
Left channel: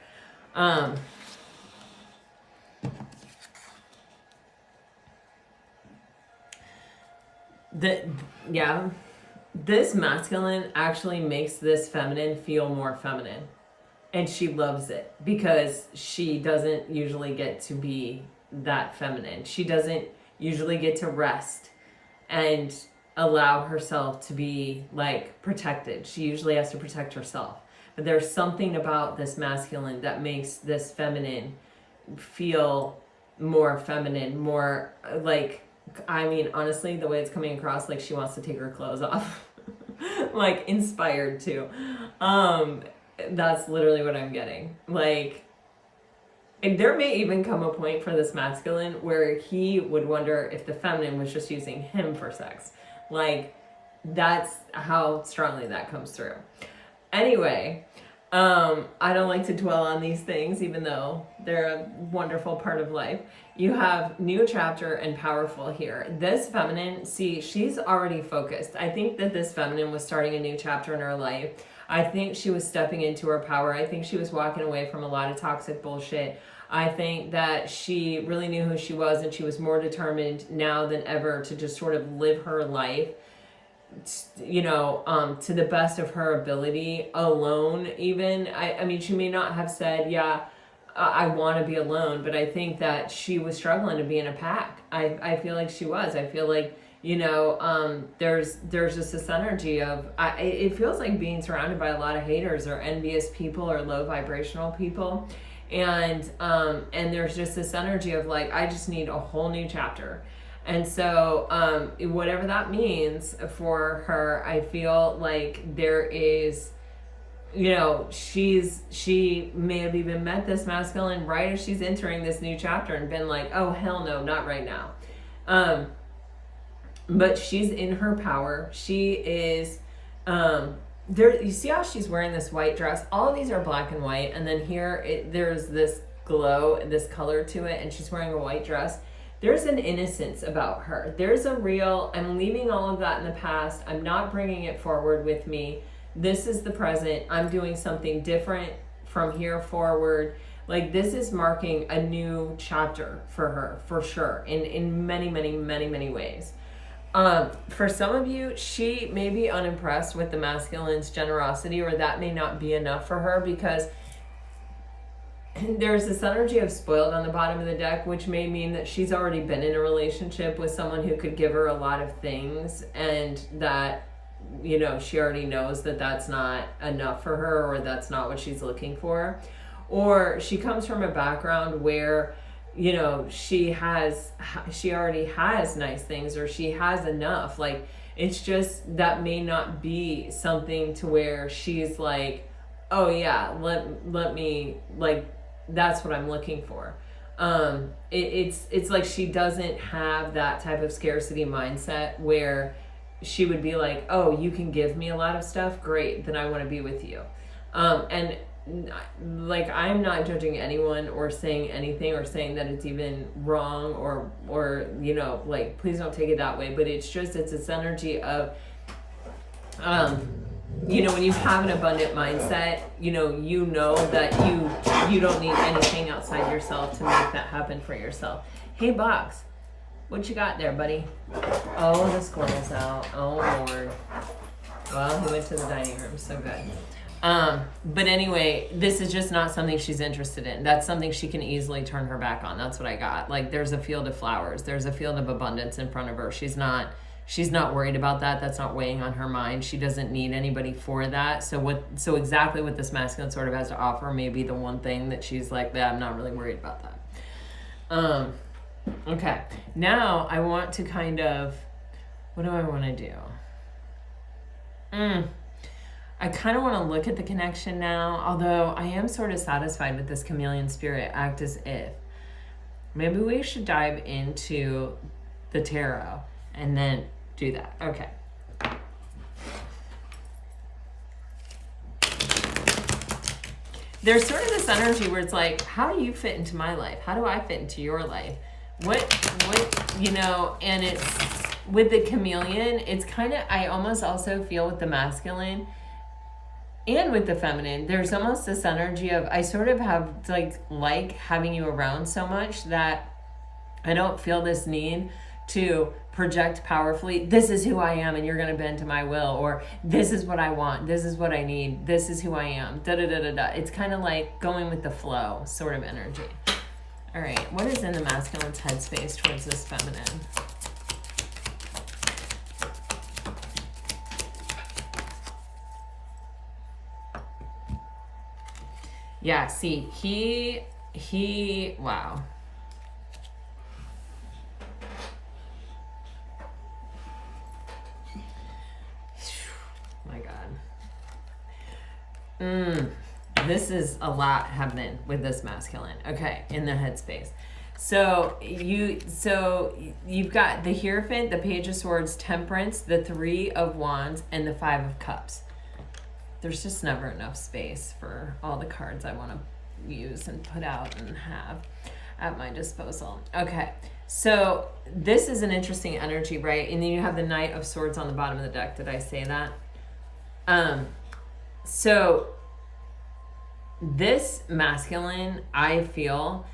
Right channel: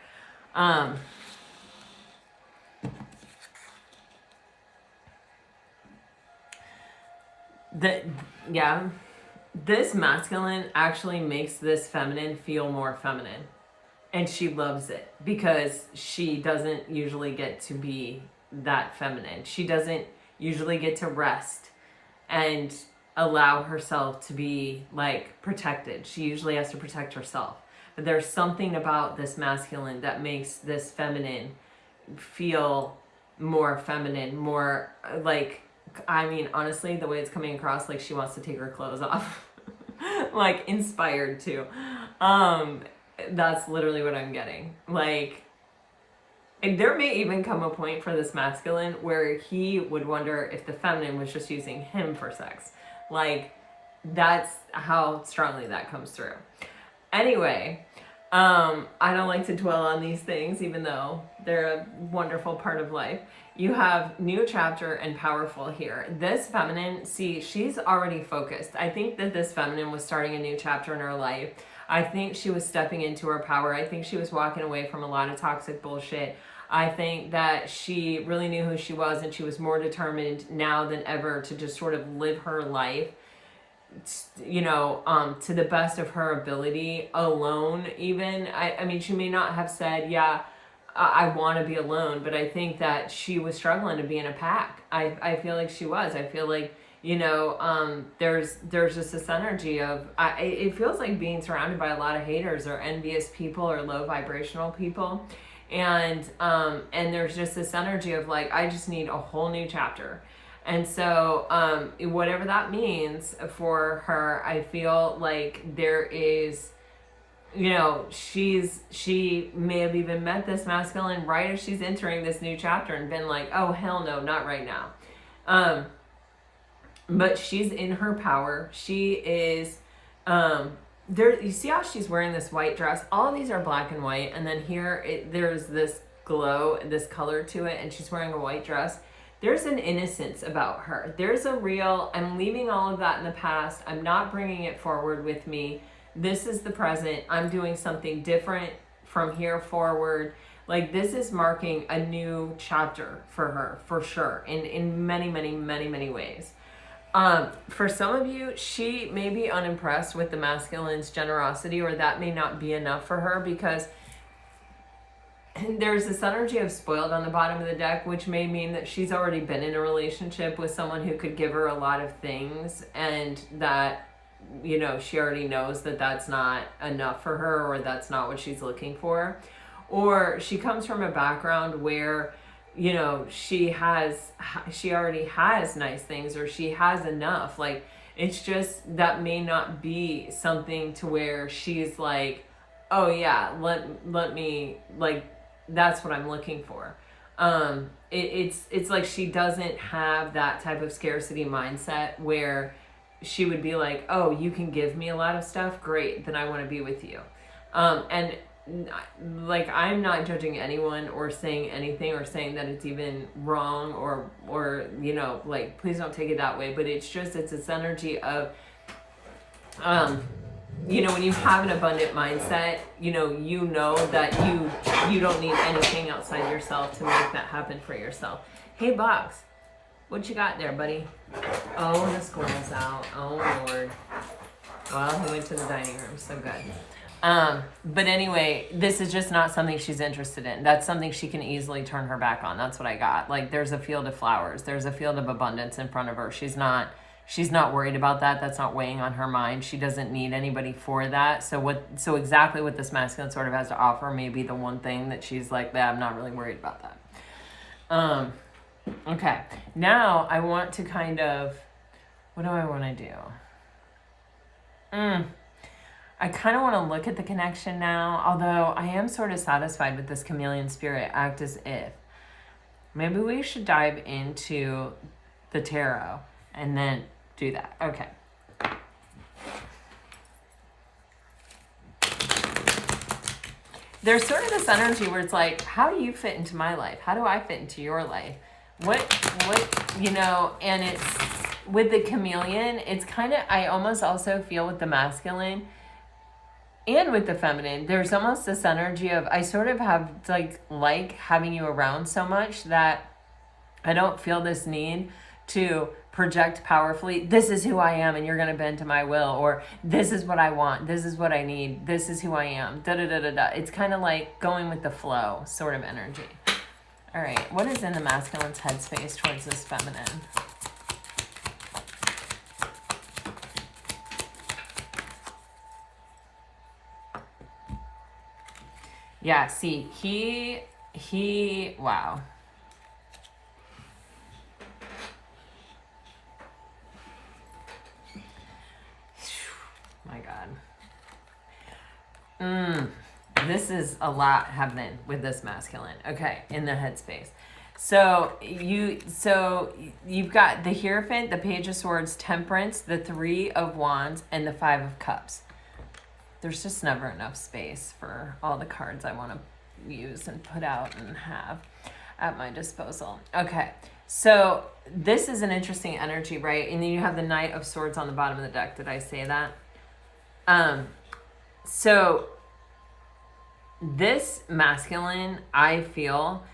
This masculine actually makes this feminine feel more feminine, and she loves it because she doesn't usually get to be that feminine. She doesn't usually get to rest and allow herself to be like protected. She usually has to protect herself. But there's something about this masculine that makes this feminine feel more feminine, more like, honestly, the way it's coming across, like she wants to take her clothes off. Like, inspired to. That's literally what I'm getting. Like, and there may even come a point for this masculine where he would wonder if the feminine was just using him for sex. Like, that's how strongly that comes through. Anyway, I don't like to dwell on these things, even though they're a wonderful part of life. You have new chapter and powerful here. This feminine, see, she's already focused. I think that this feminine was starting a new chapter in her life. I think she was stepping into her power. I think she was walking away from a lot of toxic bullshit. I think that she really knew who she was, and she was more determined now than ever to just sort of live her life, to the best of her ability, alone even. I mean, she may not have said, yeah, I want to be alone, but I think that she was struggling to be in a pack. I feel like she was. I feel like, there's just this energy of, it feels like being surrounded by a lot of haters or envious people or low vibrational people. And there's just this energy of like, I just need a whole new chapter. And so, whatever that means for her, I feel like there is, she may have even met this masculine right as she's entering this new chapter and been like, oh, hell no, not right now. but she's in her power. She is, there, you see how she's wearing this white dress? All these are black and white, and then here there's this glow, this color to it, and she's wearing a white dress. There's an innocence about her. There's a real, I'm leaving all of that in the past. I'm not bringing it forward with me. This is the present. I'm doing something different from here forward. Like, this is marking a new chapter for her, for sure, in many, many, many, many ways. For some of you, she may be unimpressed with the masculine's generosity, or that may not be enough for her, because there's this energy of spoiled on the bottom of the deck, which may mean that she's already been in a relationship with someone who could give her a lot of things, and that, you know, she already knows that that's not enough for her, or that's not what she's looking for. Or she comes from a background where, you know, she already has nice things, or she has enough. Like, it's just, that may not be something to where she's like, oh yeah, let me, like, that's what I'm looking for. It's like she doesn't have that type of scarcity mindset where she would be like, oh, you can give me a lot of stuff, great, then I want to be with you. And like, I'm not judging anyone or saying anything or saying that it's even wrong, or you know, like, please don't take it that way, but it's just, it's this energy of, you know, when you have an abundant mindset, you know that you don't need anything outside yourself to make that happen for yourself. Hey, Box, what you got there, buddy? Oh, the squirrel's out. Oh, Lord. Well, he went to the dining room. So good. But anyway, this is just not something she's interested in. That's something she can easily turn her back on. That's what I got. Like, there's a field of flowers. There's a field of abundance in front of her. She's not worried about that. That's not weighing on her mind. She doesn't need anybody for that. So exactly what this masculine sort of has to offer may be the one thing that she's like, that I'm not really worried about that. Okay. Now I want to kind of, what do I want to do? I kind of want to look at the connection now, although I am sort of satisfied with this chameleon spirit, act as if. Maybe we should dive into the tarot and then do that. Okay. There's sort of this energy where it's like, how do you fit into my life? How do I fit into your life? What, you know, and it's, with the chameleon, it's kind of, I almost also feel with the masculine and with the feminine, there's almost this energy of, I sort of have like having you around so much that I don't feel this need to project powerfully, this is who I am and you're going to bend to my will, or this is what I want, this is what I need, this is who I am, da da da da da. It's kind of like going with the flow sort of energy. All right, what is in the masculine's headspace towards this feminine? Yeah, see, he, wow. My God. This is a lot happening with this masculine. Okay, in the headspace. So you've got the Hierophant, the Page of Swords, Temperance, the Three of Wands, and the Five of Cups. There's just never enough space for all the cards I want to use and put out and have at my disposal. Okay, so this is an interesting energy, right? And then you have the Knight of Swords on the bottom of the deck. Did I say that? So this masculine, I feel,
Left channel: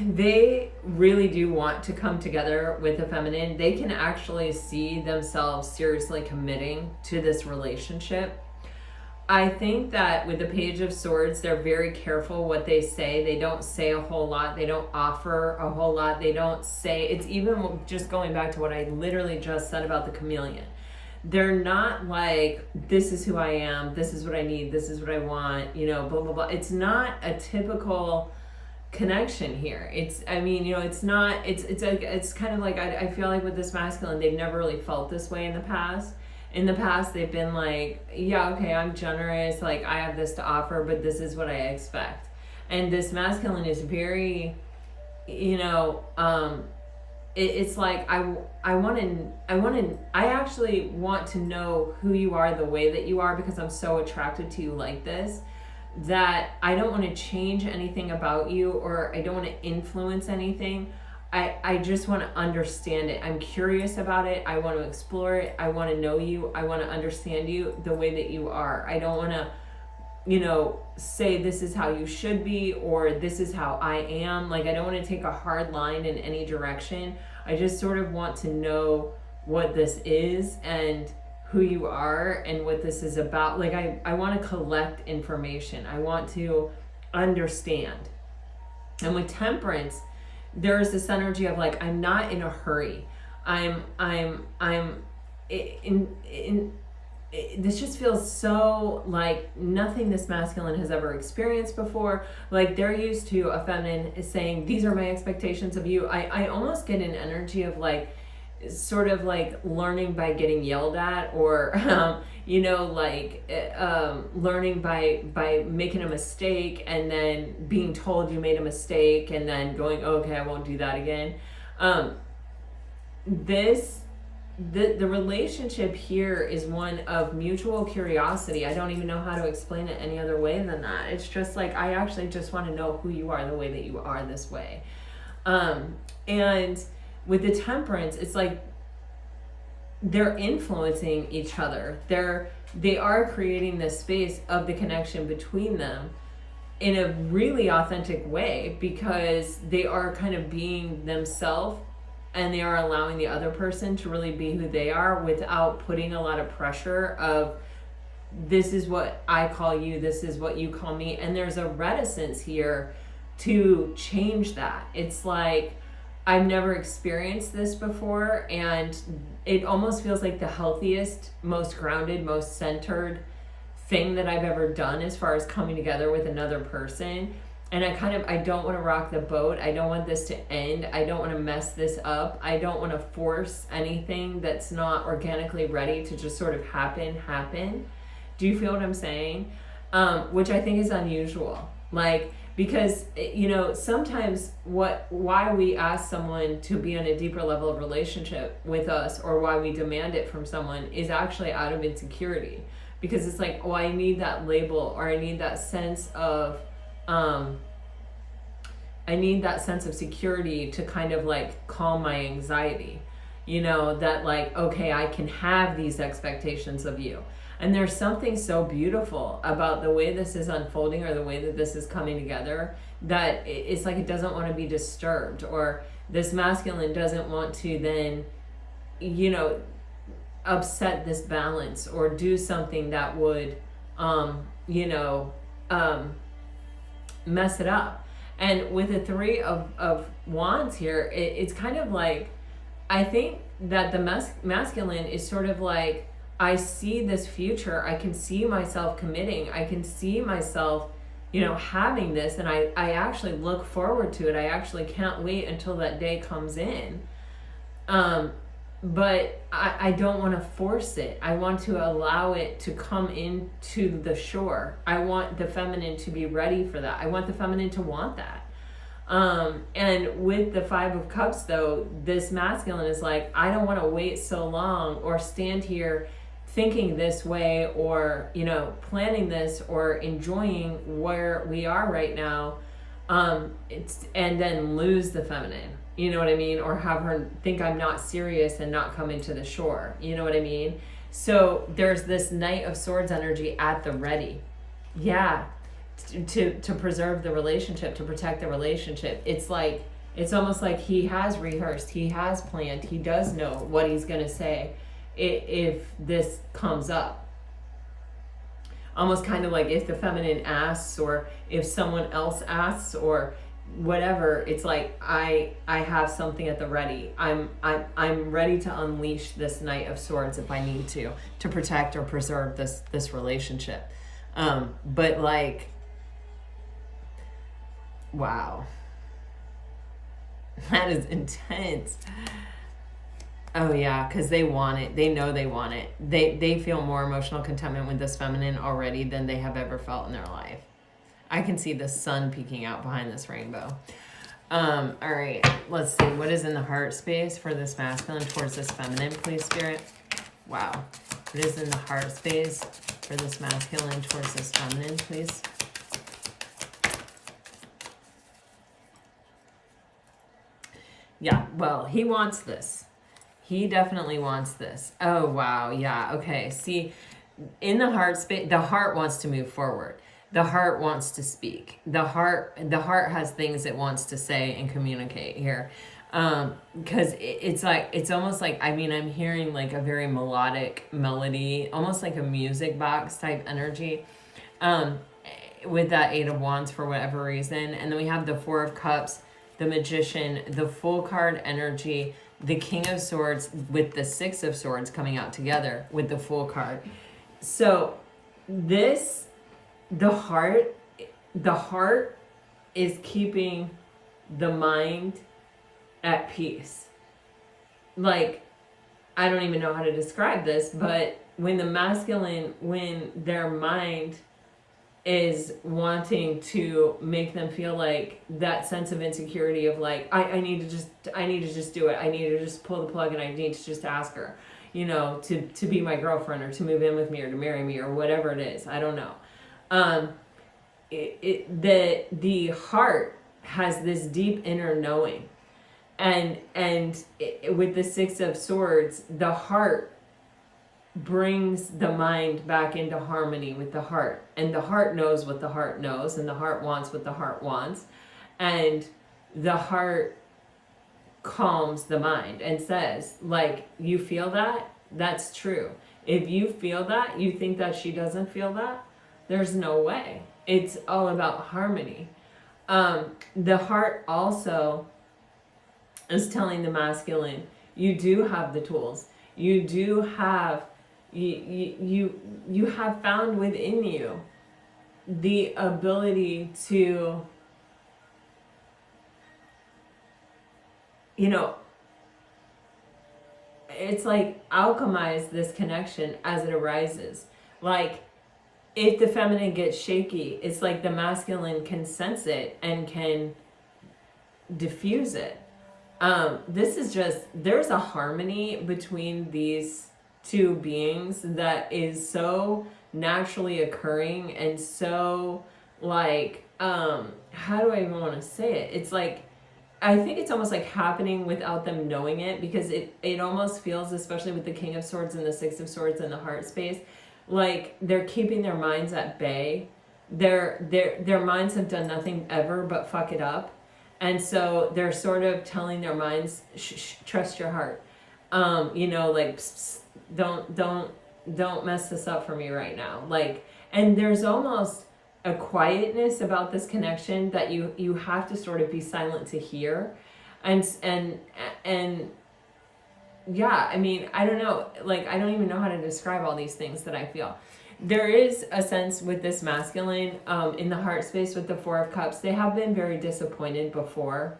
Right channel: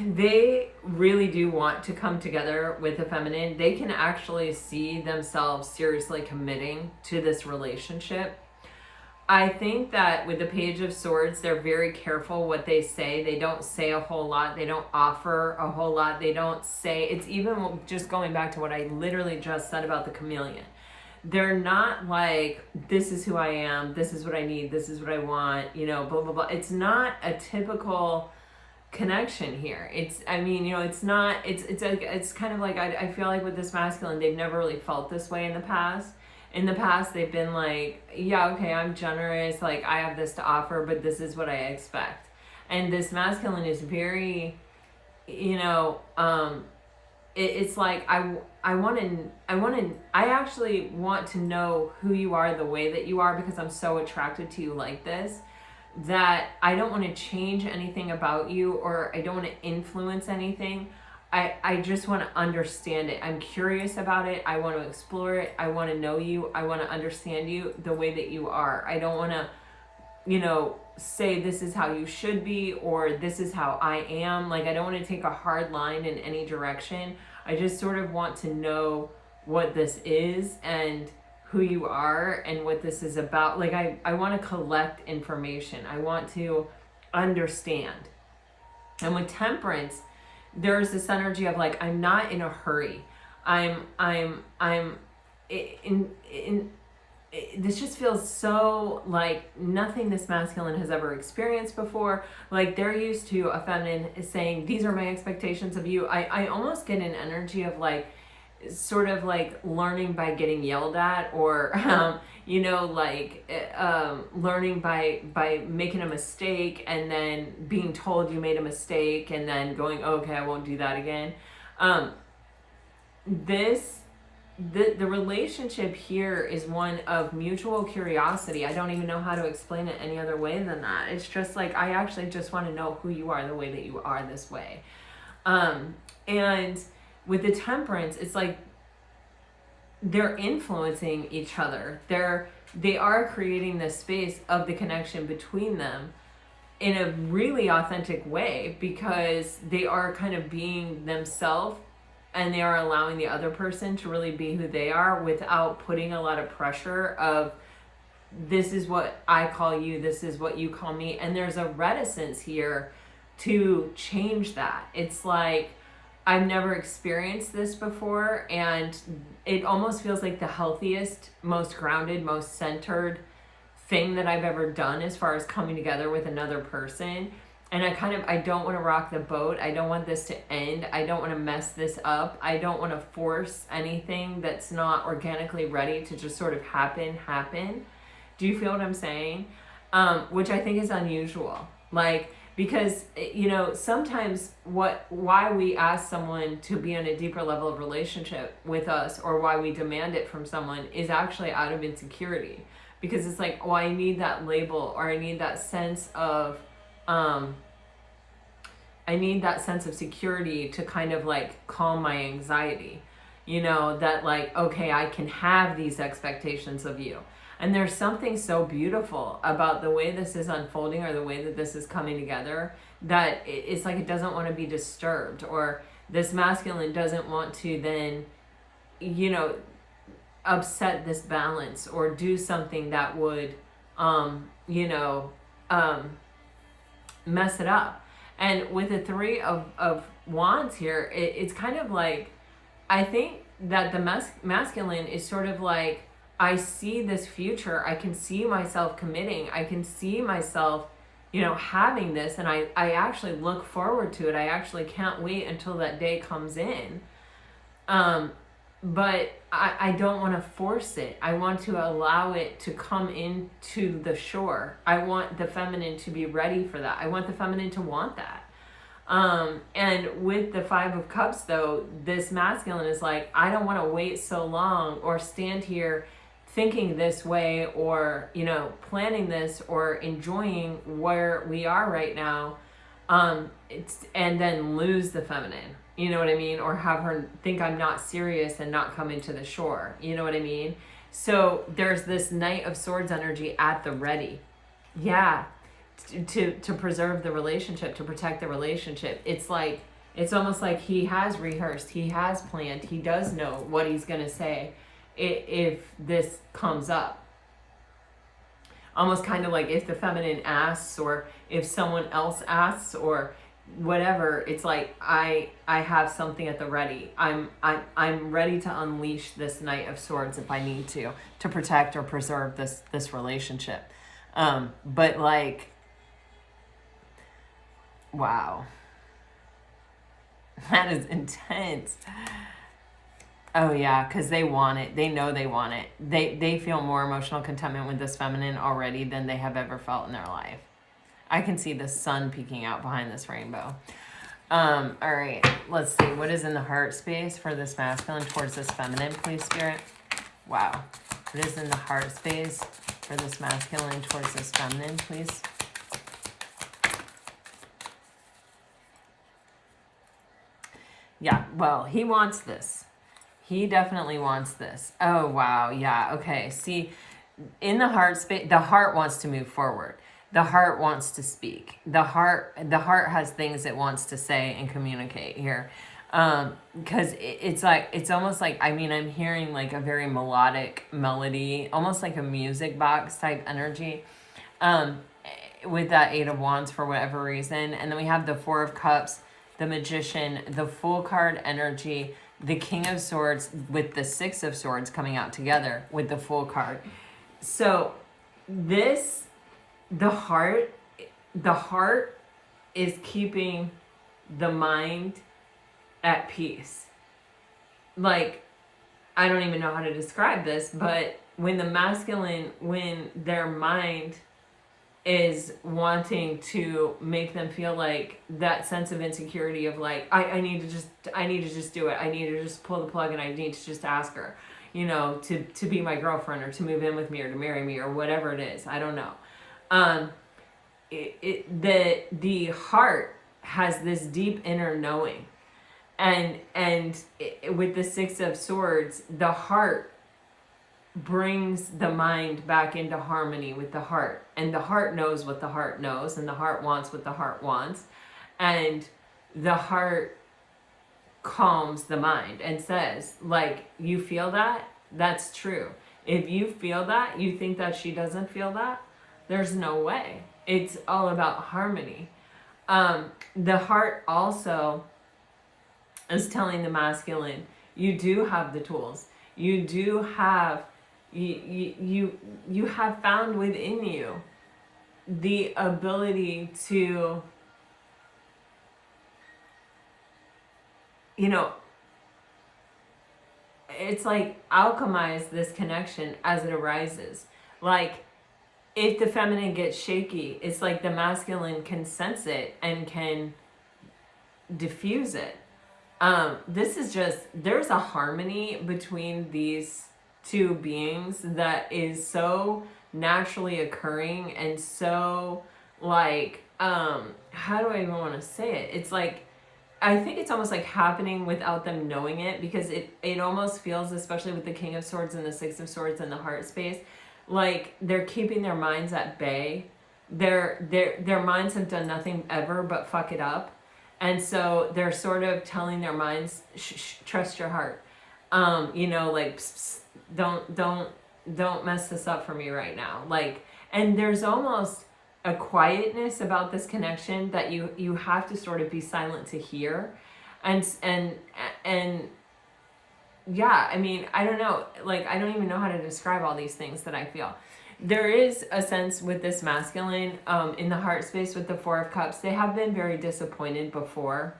they really do want to come together with the feminine. They can actually see themselves seriously committing to this relationship. I think that with the Page of Swords, they're very careful what they say. They don't say a whole lot. They don't offer a whole lot. They don't say, it's even just going back to what I literally just said about the chameleon. They're not like, this is who I am, this is what I need, this is what I want, you know, blah, blah, blah. It's not a typical connection here. It's, I mean, you know, it's not, it's kind of like, I feel like with this masculine, they've never really felt this way in the past. In the past, they've been like, yeah, okay, I'm generous, like, I have this to offer, but this is what I expect. And this masculine is very, you know, it's like I actually want to know who you are the way that you are, because I'm so attracted to you like this, that I don't want to change anything about you, or I don't want to influence anything. I just want to understand it. I'm curious about it. I want to explore it. I want to know you. I want to understand you the way that you are. I don't want to, say this is how you should be, or this is how I am. Like, I don't want to take a hard line in any direction. I just sort of want to know what this is and who you are and what this is about. Like, I want to collect information. I want to understand. And with Temperance, there's this energy of like, I'm not in a hurry. This just feels so like nothing this masculine has ever experienced before. Like, they're used to a feminine saying, these are my expectations of you. I almost get an energy of like, sort of like learning by getting yelled at, or learning by making a mistake and then being told you made a mistake and then going, oh, okay, I won't do that again. The relationship here is one of mutual curiosity. I don't even know how to explain it any other way than that. It's just like, I actually just want to know who you are the way that you are this way. And with the Temperance, it's like they're influencing each other. They are creating this space of the connection between them in a really authentic way, because they are kind of being themselves, and they are allowing the other person to really be who they are without putting a lot of pressure of, this is what I call you, this is what you call me. And there's a reticence here to change that. It's like, I've never experienced this before, and it almost feels like the healthiest, most grounded, most centered thing that I've ever done as far as coming together with another person. And I don't want to rock the boat. I don't want this to end. I don't want to mess this up. I don't want to force anything that's not organically ready to just sort of happen. Do you feel what I'm saying? Which I think is unusual. Like, because, sometimes why we ask someone to be on a deeper level of relationship with us, or why we demand it from someone, is actually out of insecurity. Because it's like, oh, I need that label, or I need that sense of, security to kind of like calm my anxiety, that like, okay, I can have these expectations of you. And there's something so beautiful about the way this is unfolding, or the way that this is coming together, that it's like, it doesn't want to be disturbed, or this masculine doesn't want to then, upset this balance, or do something that would, mess it up. And with the Three of Wands here, it's kind of like, I think that the masculine is sort of like, I see this future. I can see myself committing. I can see myself, having this, and I actually look forward to it. I actually can't wait until that day comes in. But I don't want to force it. I want to allow it to come into the shore. I want the feminine to be ready for that. I want the feminine to want that. And with the Five of Cups, though, this masculine is like, I don't want to wait so long, or stand here thinking this way, or, planning this, or enjoying where we are right now, and then lose the feminine. You know what I mean? Or have her think I'm not serious and not come into the shore. You know what I mean? So there's this Knight of Swords energy at the ready. Yeah. To preserve the relationship, to protect the relationship. It's like, it's almost like he has rehearsed, he has planned, he does know what he's going to say if this comes up. Almost kind of like if the feminine asks, or if someone else asks, or whatever, it's like, I have something at the ready. I'm ready to unleash this Knight of Swords if I need to protect or preserve this relationship. But like, wow, that is intense. Oh yeah, because they want it. They know they want it. They feel more emotional contentment with this feminine already than they have ever felt in their life. I can see the sun peeking out behind this rainbow. All right, let's see. What is in the heart space for this masculine towards this feminine, please, Spirit? Wow. What is in the heart space for this masculine towards this feminine, please? Yeah, well, he wants this. He definitely wants this. Oh, wow. Yeah, okay. See, in the heart space, the heart wants to move forward. The heart wants to speak. The heart has things it wants to say and communicate here. Because it's like, it's almost like, I mean, I'm hearing like a very melodic melody, almost like a music box type energy, with that Eight of Wands for whatever reason. And then we have the Four of Cups, the Magician, the Full card energy, the King of Swords with the Six of Swords coming out together with the Full card. So this, the heart is keeping the mind at peace. Like, I don't even know how to describe this, but when the masculine, when their mind is wanting to make them feel like that sense of insecurity of like, I need to just do it. I need to just pull the plug and I need to just ask her, you know, to be my girlfriend or to move in with me or to marry me or whatever it is. I don't know. The heart has this deep inner knowing, and with the Six of Swords, the heart brings the mind back into harmony with the heart, and the heart knows what the heart knows, and the heart wants what the heart wants, and the heart calms the mind and says, like, you feel that? That's true. If you feel that, you think that she doesn't feel that? There's no way. It's all about harmony. The heart also is telling the masculine, you do have the tools. You do have, you have found within you the ability to, you know, it's like alchemize this connection as it arises. Like, if the feminine gets shaky, it's like the masculine can sense it and can diffuse it. This is just, there's a harmony between these two beings that is so naturally occurring and so like, how do I even want to say it? It's like, I think it's almost like happening without them knowing it, because it almost feels, especially with the King of Swords and the Six of Swords and the heart space, like they're keeping their minds at bay. Their minds have done nothing ever but fuck it up. And so they're sort of telling their minds, trust your heart. You know, like, don't mess this up for me right now. Like, and there's almost a quietness about this connection that you have to sort of be silent to hear. And yeah, I mean, I don't know, like, I don't even know how to describe all these things that I feel. There is a sense with this masculine, in the heart space with the Four of Cups, they have been very disappointed before,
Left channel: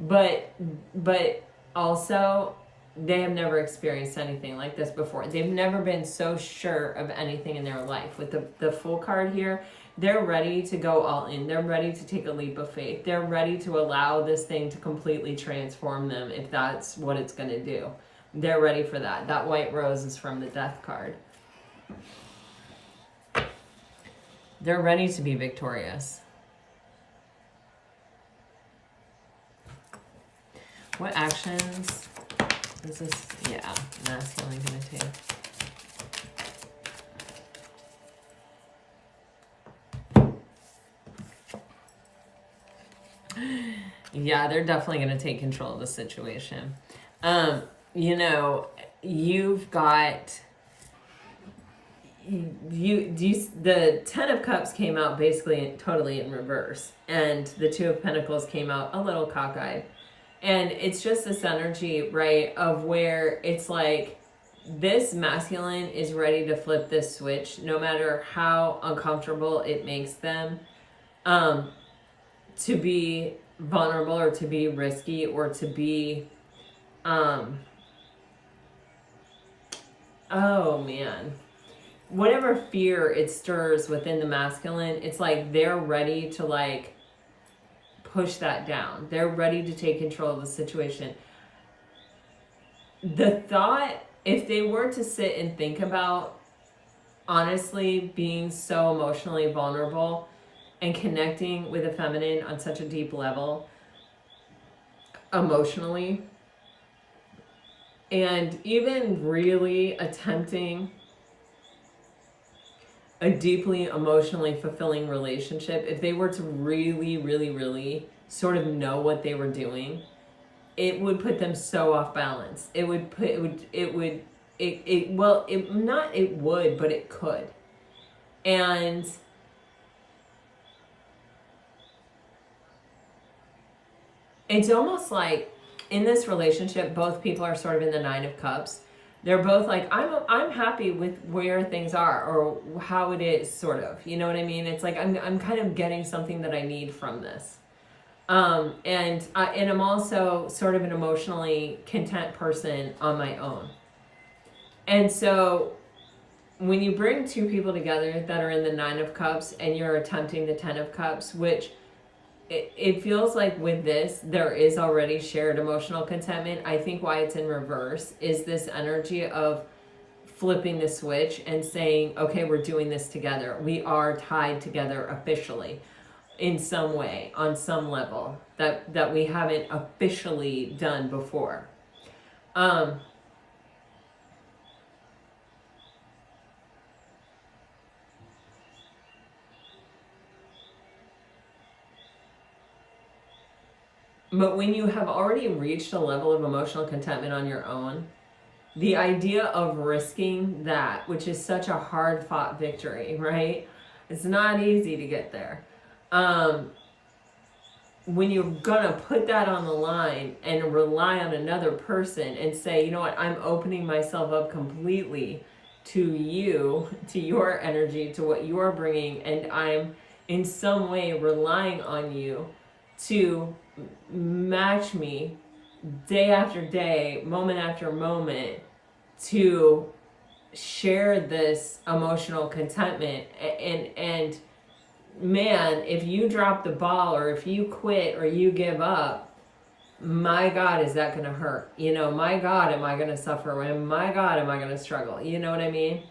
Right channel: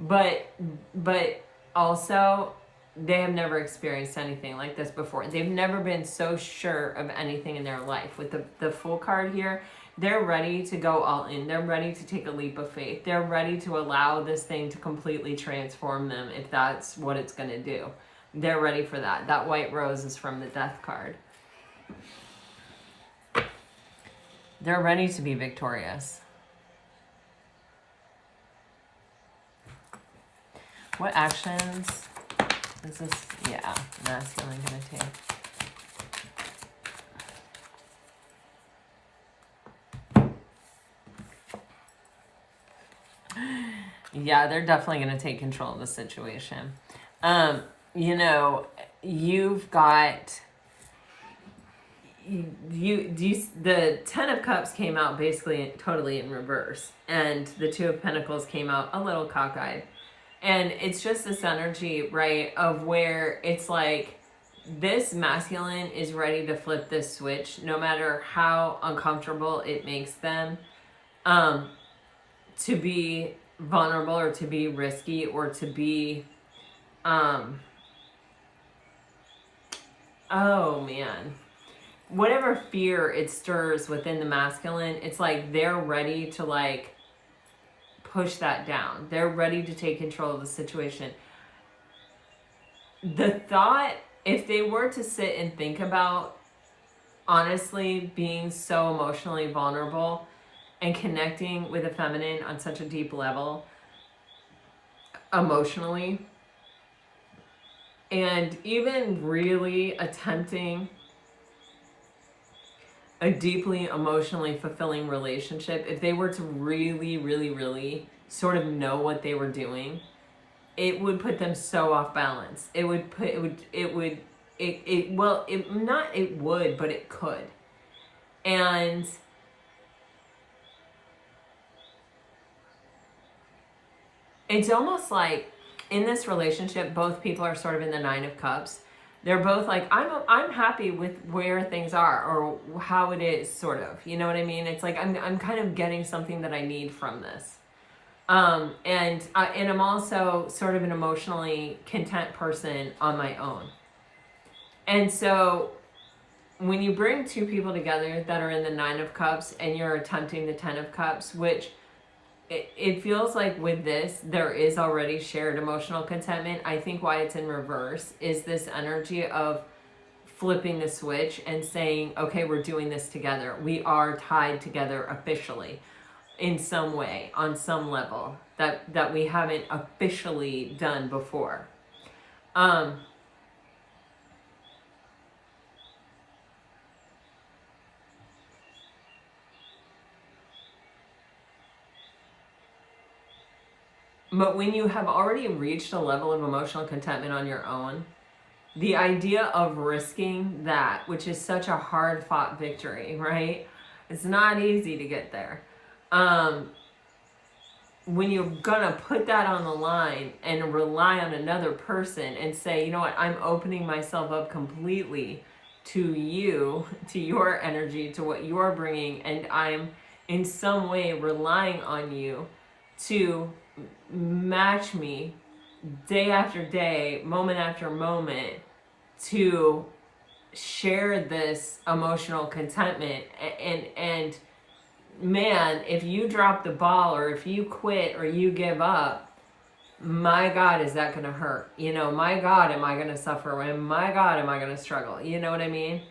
but also they have never experienced anything like this before. They've never been so sure of anything in their life. With the Full card here, they're ready to go all in. They're ready to take a leap of faith. They're ready to allow this thing to completely transform them if that's what it's going to do. They're ready for that. That white rose is from the Death card. They're ready to be victorious. What actions is this, masculine going to take? Yeah, they're definitely going to take control of the situation. You know, you've got, the Ten of Cups came out basically totally in reverse, and the Two of Pentacles came out a little cockeyed. And it's just this energy, right, of where it's like this masculine is ready to flip this switch, no matter how uncomfortable it makes them, to be vulnerable or to be risky or to be, oh man, whatever fear it stirs within the masculine, it's like they're ready to like push that down. They're ready to take control of the situation. The thought, if they were to sit and think about honestly being so emotionally vulnerable and connecting with the feminine on such a deep level, emotionally, and even really attempting a deeply emotionally fulfilling relationship, if they were to really, really, really sort of know what they were doing, it would put them so off balance. It would, but it could. And it's almost like in this relationship, both people are sort of in the Nine of Cups. They're both like, I'm happy with where things are or how it is, sort of. You know what I mean? It's like I'm kind of getting something that I need from this. And I'm also sort of an emotionally content person on my own. And so when you bring two people together that are in the Nine of Cups and you're attempting the Ten of Cups, which it feels like with this, there is already shared emotional contentment. I think why it's in reverse is this energy of flipping the switch and saying, okay, we're doing this together. We are tied together officially in some way, on some level that we haven't officially done before. But when you have already reached a level of emotional contentment on your own, the idea of risking that, which is such a hard fought victory, right? It's not easy to get there. When you're gonna put that on the line and rely on another person and say, you know what, I'm opening myself up completely to you, to your energy, to what you're bringing, and I'm in some way relying on you to match me day after day, moment after moment, to share this emotional contentment. And man, if you drop the ball or if you quit or you give up, my God, is that going to hurt? You know, my God, am I going to suffer? And my God, am I going to struggle? You know what I mean?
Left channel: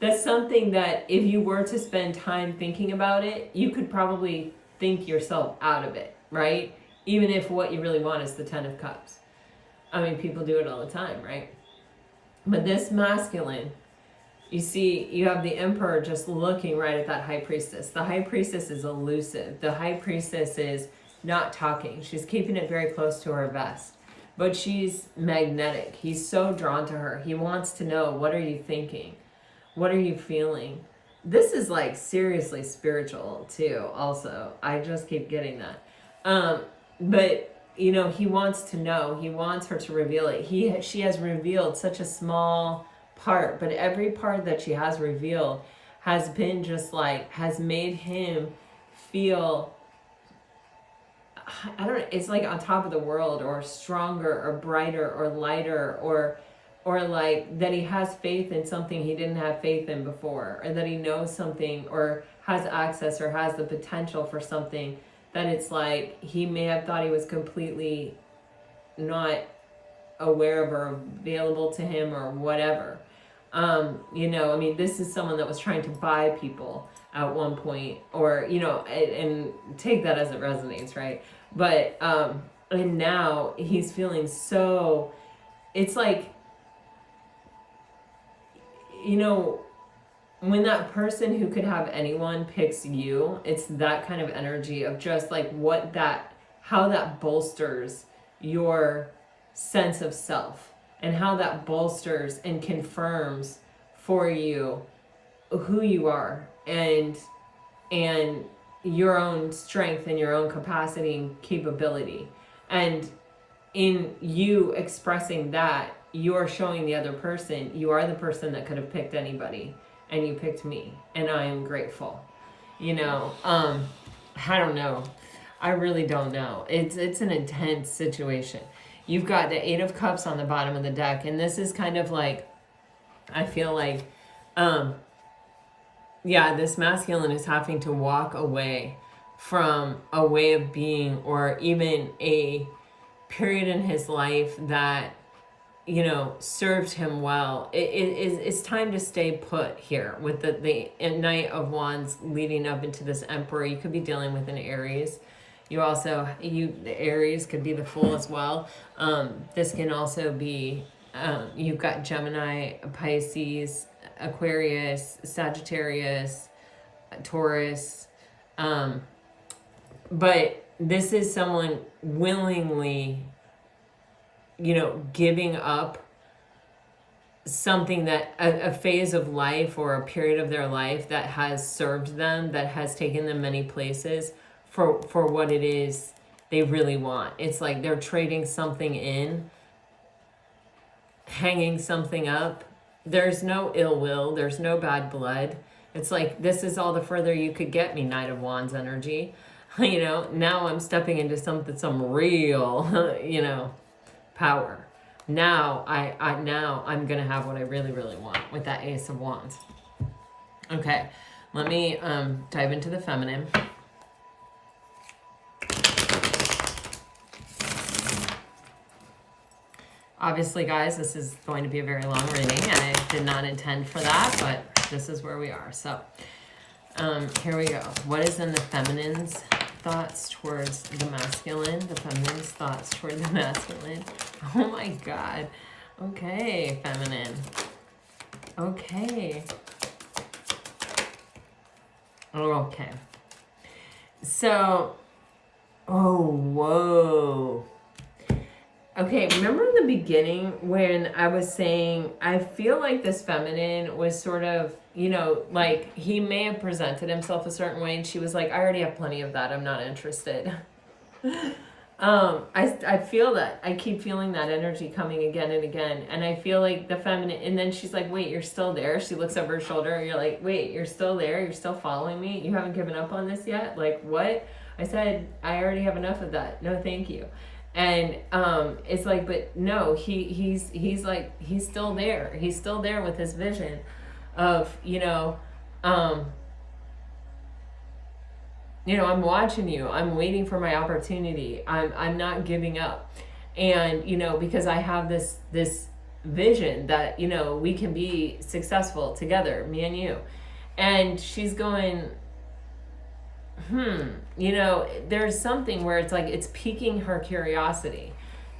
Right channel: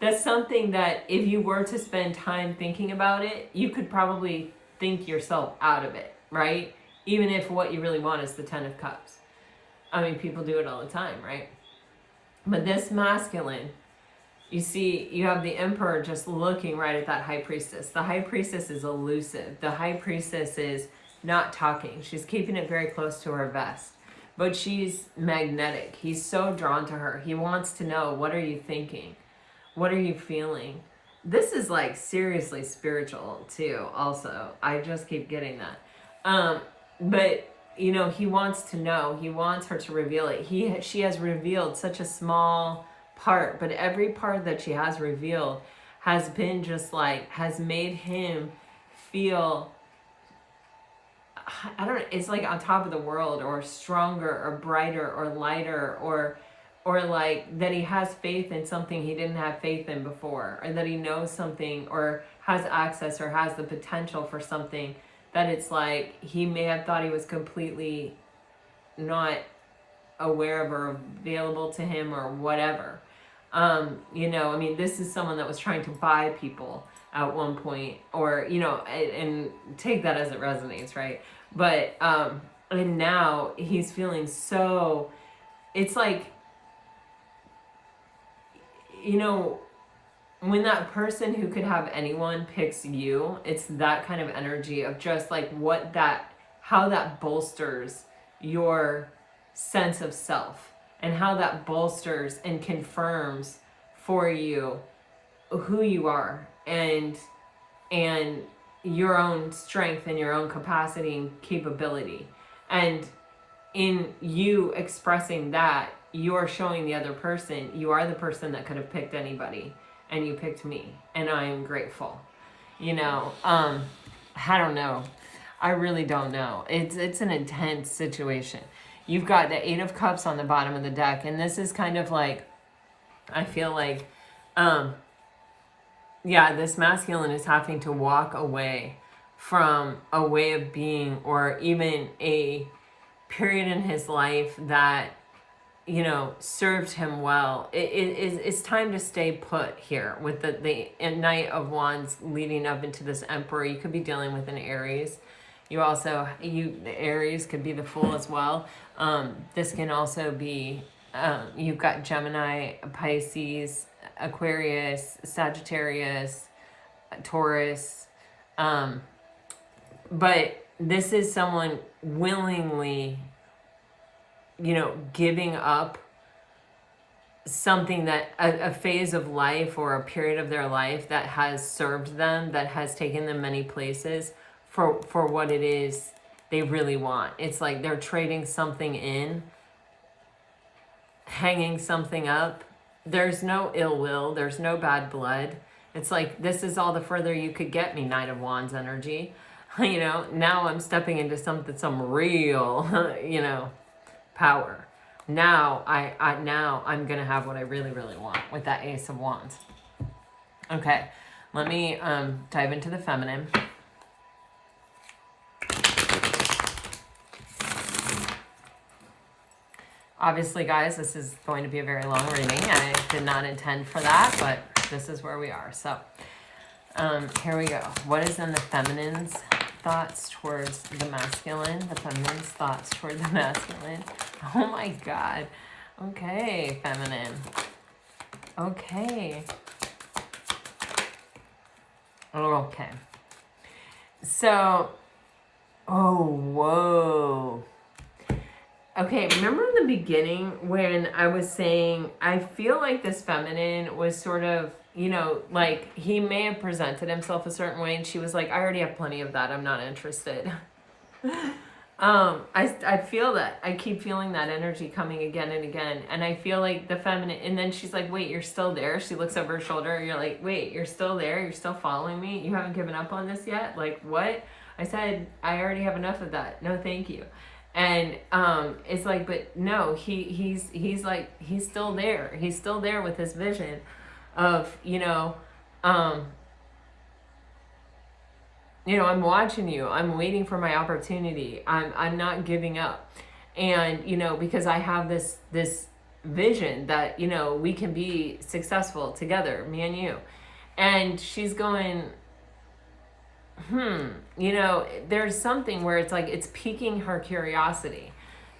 That's something that if you were to spend time thinking about it, you could probably think yourself out of it, right? Even if what you really want is the Ten of Cups. I mean, people do it all the time, right? But this masculine, you see, you have the Emperor just looking right at that High Priestess. The High Priestess is elusive. The High Priestess is not talking. She's keeping it very close to her vest. But she's magnetic. He's so drawn to her. He wants to know, what are you thinking? What are you feeling? This is like seriously spiritual too, also. I just keep getting that. But, you know, he wants to know. He wants her to reveal it. She has revealed such a small part, but every part that she has revealed has been just like, has made him feel, I don't know, it's like on top of the world, or stronger or brighter or lighter, or like that he has faith in something he didn't have faith in before, or that he knows something or has access or has the potential for something that it's like he may have thought he was completely not aware of or available to him or whatever. You know, I mean, this is someone that was trying to buy people at one point, or, you know, and take that as it resonates, right? But, and now he's feeling so, it's like, you know, when that person who could have anyone picks you, it's that kind of energy of just like how that bolsters your sense of self, and how that bolsters and confirms for you who you are, and your own strength and your own capacity and capability. And in you expressing that, you're showing the other person, you are the person that could have picked anybody, and you picked me, and I am grateful. You know, I don't know. I really don't know. It's an intense situation. You've got the Eight of Cups on the bottom of the deck, and this is kind of like, I feel like, yeah, this masculine is having to walk away from a way of being, or even a period in his life that, you know, served him well. It's time to stay put here with the Knight of Wands leading up into this Emperor. You could be dealing with an Aries. You also, the Aries could be the Fool as well. This can also be, you've got Gemini, Pisces, Aquarius, Sagittarius, Taurus. But this is someone willingly, you know, giving up something that a phase of life or a period of their life that has served them, that has taken them many places, for what it is they really want. It's like they're trading something in, hanging something up. There's no ill will, there's no bad blood. It's like, this is all the further you could get me, Knight of Wands energy. You know, now I'm stepping into some real, you know, power. Now now I'm gonna have what I really, really want with that Ace of Wands. Okay, let me dive into the feminine. Obviously, guys, this is going to be a very long reading. I did not intend for that, but this is where we are. So here we go. What is in the feminine's thoughts towards the masculine? The feminine's thoughts toward the masculine. Oh my God. Okay, feminine. Okay. Okay. So, oh, whoa. Okay, remember in the beginning when I was saying, I feel like this feminine was sort of, you know, like he may have presented himself a certain way and she was like, I already have plenty of that, I'm not interested. I feel that. I keep feeling that energy coming again and again. And I feel like the feminine, and then she's like, wait, you're still there? She looks over her shoulder. You're like, wait, you're still there? You're still following me? You haven't given up on this yet? Like, what? I said, I already have enough of that. No, thank you. And it's like, but no, he's like, he's still there. He's still there with his vision of, you know, I'm watching you. I'm waiting for my opportunity. I'm not giving up. And, you know, because I have this vision that, you know, we can be successful together, me and you. And she's going, you know, there's something where it's like, it's piquing her curiosity.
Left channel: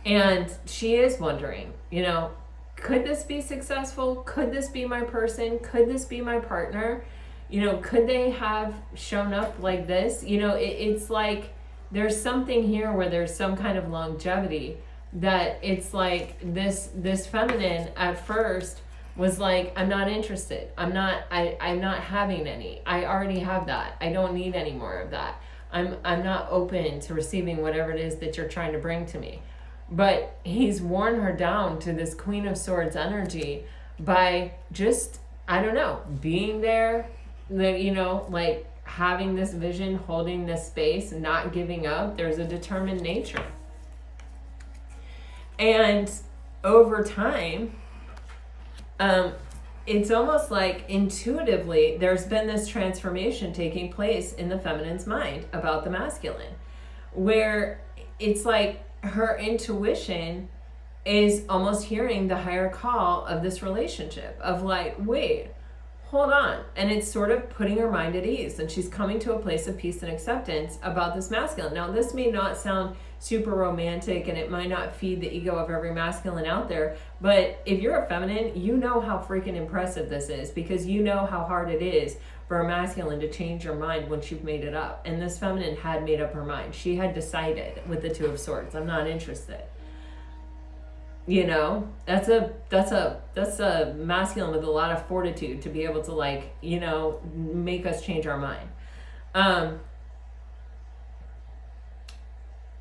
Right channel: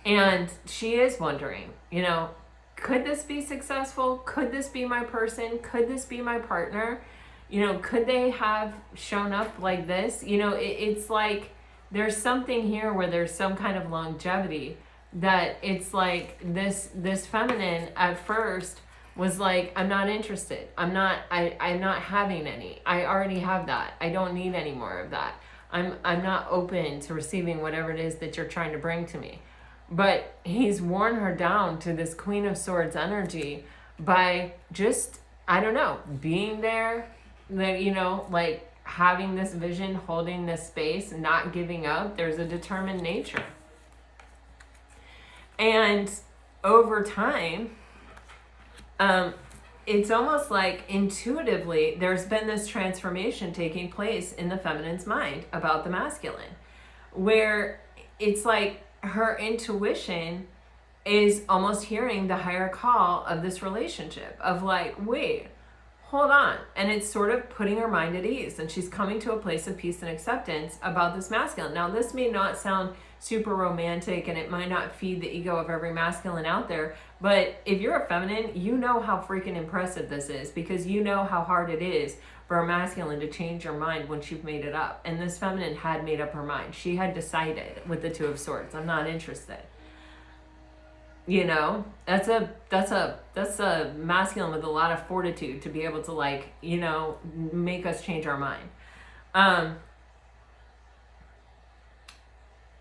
And she is wondering, you know, could this be successful? Could this be my person? Could this be my partner? You know, could they have shown up like this? You know, it's like there's something here where there's some kind of longevity, that it's like this feminine at first was like, I'm not interested. I'm not having any. I already have that. I don't need any more of that. I'm not open to receiving whatever it is that you're trying to bring to me. But he's worn her down to this Queen of Swords energy by just, I don't know, being there, you know, like having this vision, holding this space, not giving up. There's a determined nature. And over time, it's almost like intuitively there's been this transformation taking place in the feminine's mind about the masculine, where it's like her intuition is almost hearing the higher call of this relationship of like, wait, hold on. And it's sort of putting her mind at ease, and she's coming to a place of peace and acceptance about this masculine. Now, this may not sound super romantic, and it might not feed the ego of every masculine out there, but if you're a feminine, you know how freaking impressive this is, because you know how hard it is for a masculine to change your mind once you've made it up. And this feminine had made up her mind. She had decided with the Two of Swords, I'm not interested. You know, that's a masculine with a lot of fortitude to be able to, like, you know, make us change our mind.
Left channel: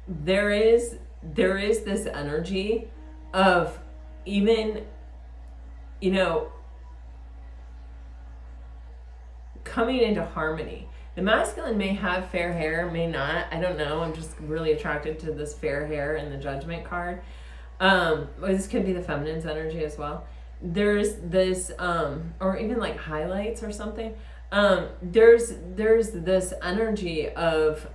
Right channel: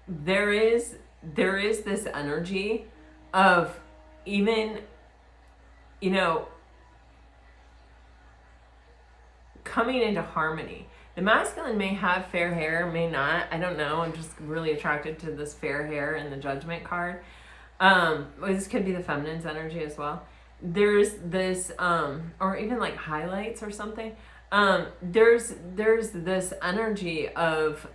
There is this energy of even, you know, coming into harmony. The masculine may have fair hair, may not. I don't know. I'm just really attracted to this fair hair in the Judgment card. This could be the feminine's energy as well. There's this, or even like highlights or something. there's this energy of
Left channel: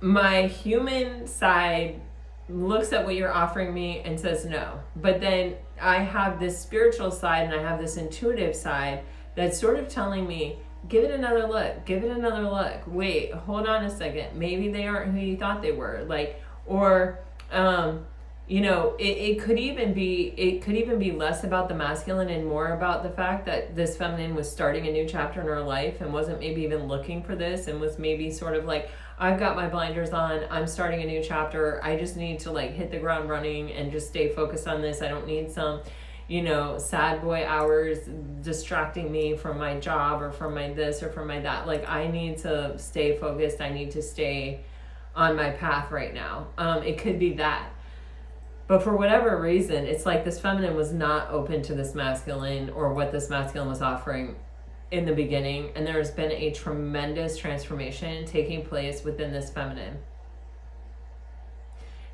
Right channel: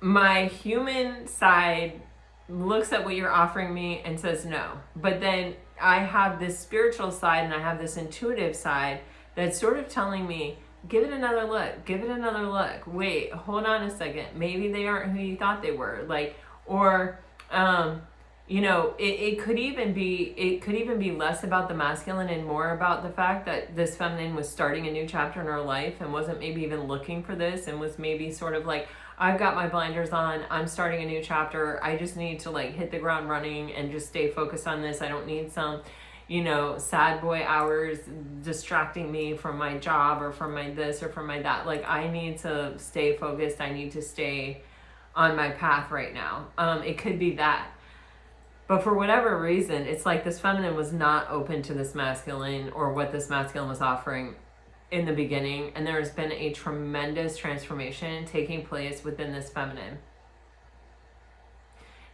my human side looks at what you're offering me and says no. But then I have this spiritual side and I have this intuitive side that's sort of telling me, give it another look, give it another look. Wait, hold on a second. Maybe they aren't who you thought they were. Like, or, you know, it could even be less about the masculine and more about the fact that this feminine was starting a new chapter in her life and wasn't maybe even looking for this, and was maybe sort of like, I've got my blinders on, I'm starting a new chapter, I just need to like hit the ground running and just stay focused on this. I don't need some, you know, sad boy hours distracting me from my job or from my this or from my that. Like, I need to stay focused. I need to stay on my path right now. It could be that. But for whatever reason, it's like this feminine was not open to this masculine or what this masculine was offering in the beginning. And there has been a tremendous transformation taking place within this feminine.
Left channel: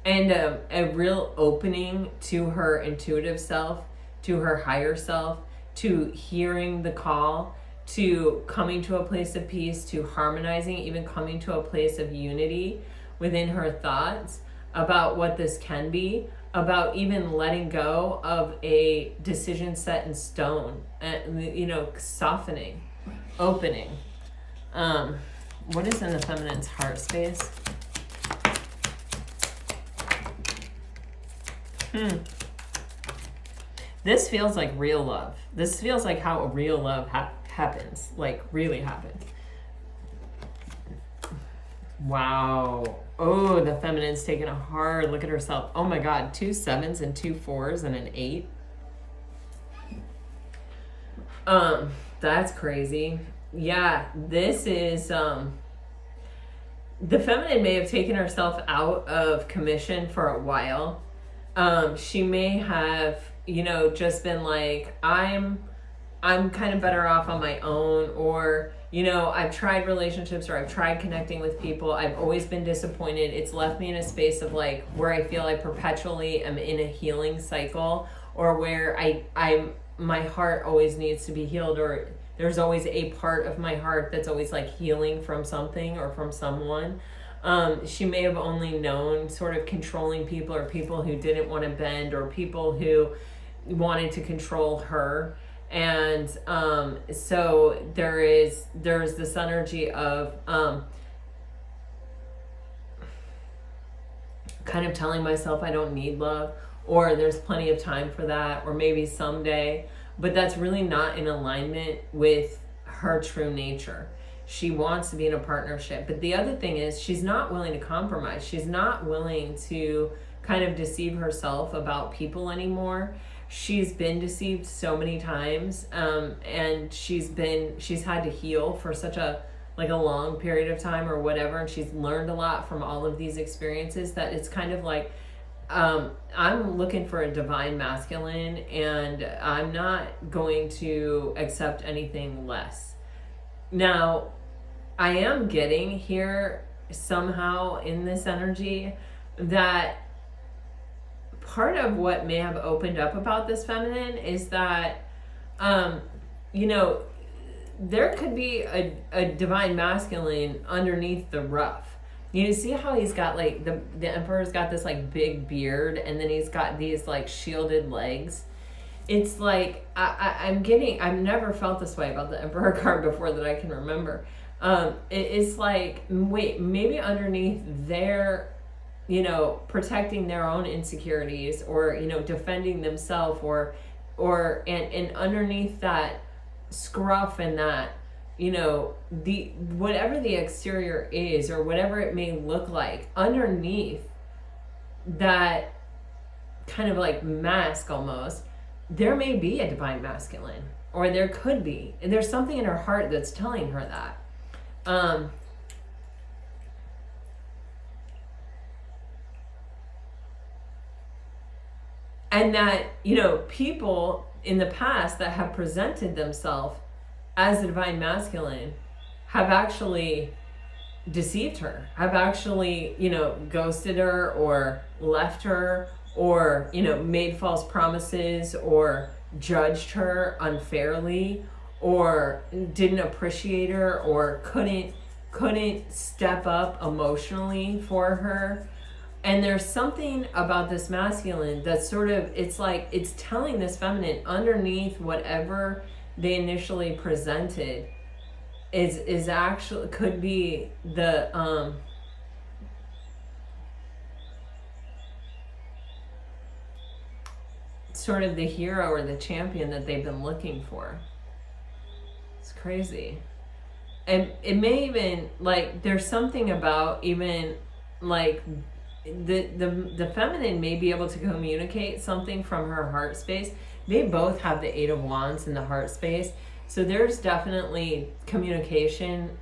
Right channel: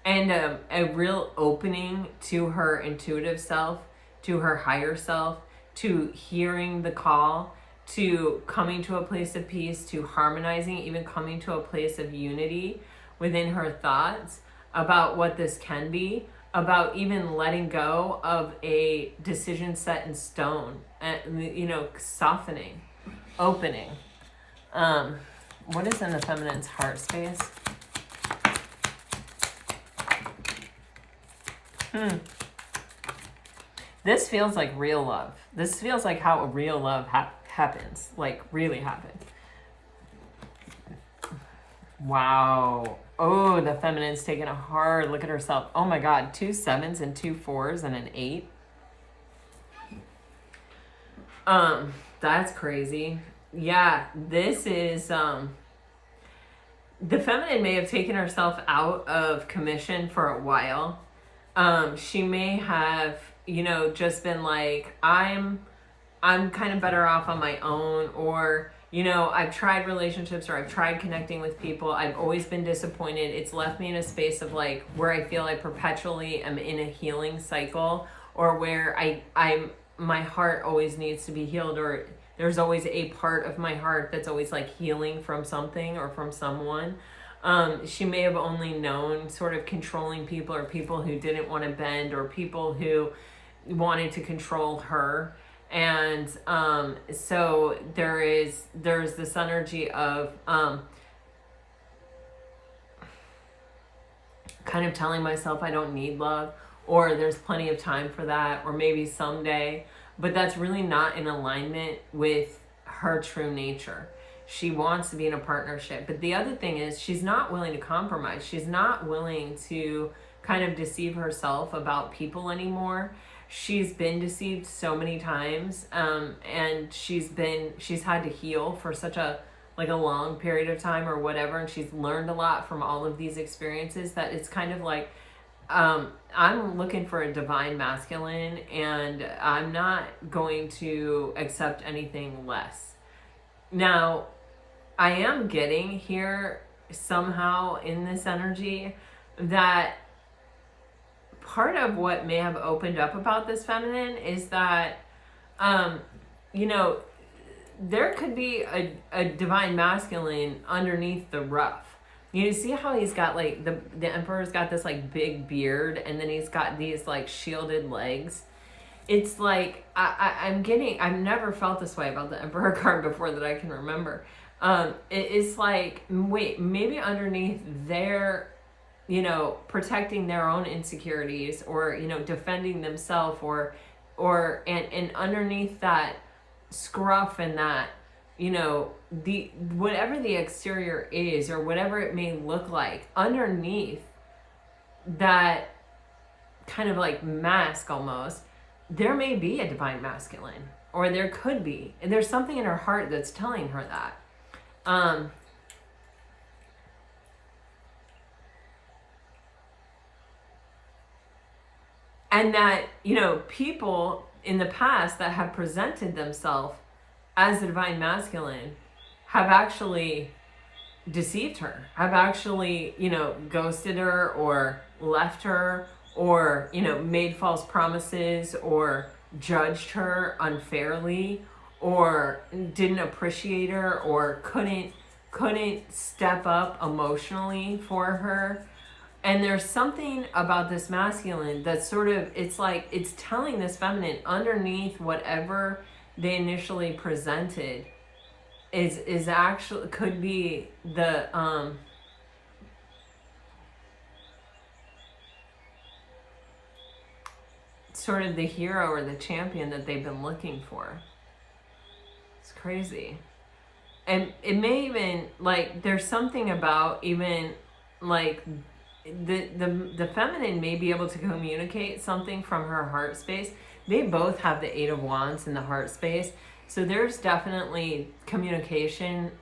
And a real opening to her intuitive self, to her higher self, to hearing the call, to coming to a place of peace, to harmonizing, even coming to a place of unity within her thoughts about what this can be, about even letting go of a decision set in stone, and, you know, softening, opening. What is in the feminine's heart space? This feels like real love. This feels like how real love happens, like really happens. Wow. Oh, the feminine's taking a hard look at herself. Oh my God, 2 7s and 2 4s and an 8. That's crazy. Yeah, this is, the feminine may have taken herself out of commission for a while. She may have, you know, just been like, I'm kind of better off on my own, or, you know, I've tried relationships or I've tried connecting with people. I've always been disappointed. It's left me in a space of like where I feel I perpetually am in a healing cycle, or where my heart always needs to be healed, or there's always a part of my heart that's always like healing from something or from someone. She may have only known sort of controlling people, or people who didn't want to bend, or people who wanted to control her. And so there's this energy of kind of telling myself I don't need love, or there's plenty of time for that, or maybe someday. But that's really not in alignment with her true nature. She wants to be in a partnership. But the other thing is, she's not willing to compromise. She's not willing to kind of deceive herself about people anymore. She's been deceived so many times, and she's had to heal for such a long period of time or whatever, and she's learned a lot from all of these experiences, that it's kind of like, I'm looking for a divine masculine, and I'm not going to accept anything less. Now, I am getting here somehow in this energy that part of what may have opened up about this feminine is that, you know, there could be a divine masculine underneath the rough. You see how he's got like, the emperor's got this like big beard, and then he's got these like shielded legs. It's like, I've never felt this way about the emperor card before that I can remember. It's like, wait, maybe underneath their, you know, protecting their own insecurities, or, you know, defending themselves, and underneath that scruff and that, you know, the whatever the exterior is, or whatever it may look like, underneath that kind of like mask almost, there may be a divine masculine, or there could be, and there's something in her heart that's telling her that. And that, you know, people in the past that have presented themselves as the divine masculine have actually deceived her, have actually, you know, ghosted her, or left her, or, you know, made false promises, or judged her unfairly, or didn't appreciate her, or couldn't step up emotionally for her. And there's something about this masculine that's sort of, it's like, it's telling this feminine underneath whatever they initially presented is actually, could be the, sort of the hero or the champion that they've been looking for. It's crazy. And it may even, like, there's something about even, like, the feminine may be able to communicate something from her heart space. They both have the Eight of Wands in the heart space. So there's definitely communication.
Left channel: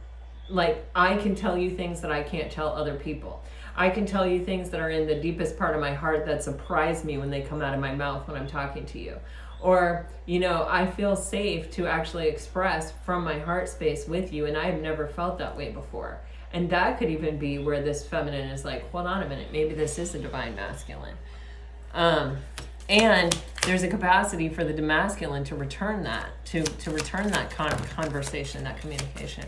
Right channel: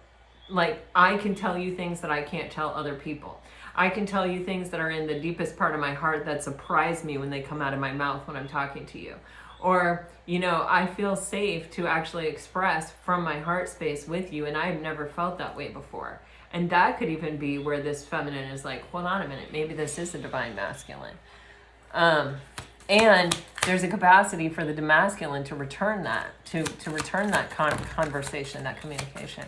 Like, I can tell you things that I can't tell other people. I can tell you things that are in the deepest part of my heart that surprise me when they come out of my mouth when I'm talking to you. Or, you know, I feel safe to actually express from my heart space with you, and I've never felt that way before. And that could even be where this feminine is like, hold on a minute, maybe this is a divine masculine. And there's a capacity for the masculine to return that, to return that conversation, that communication.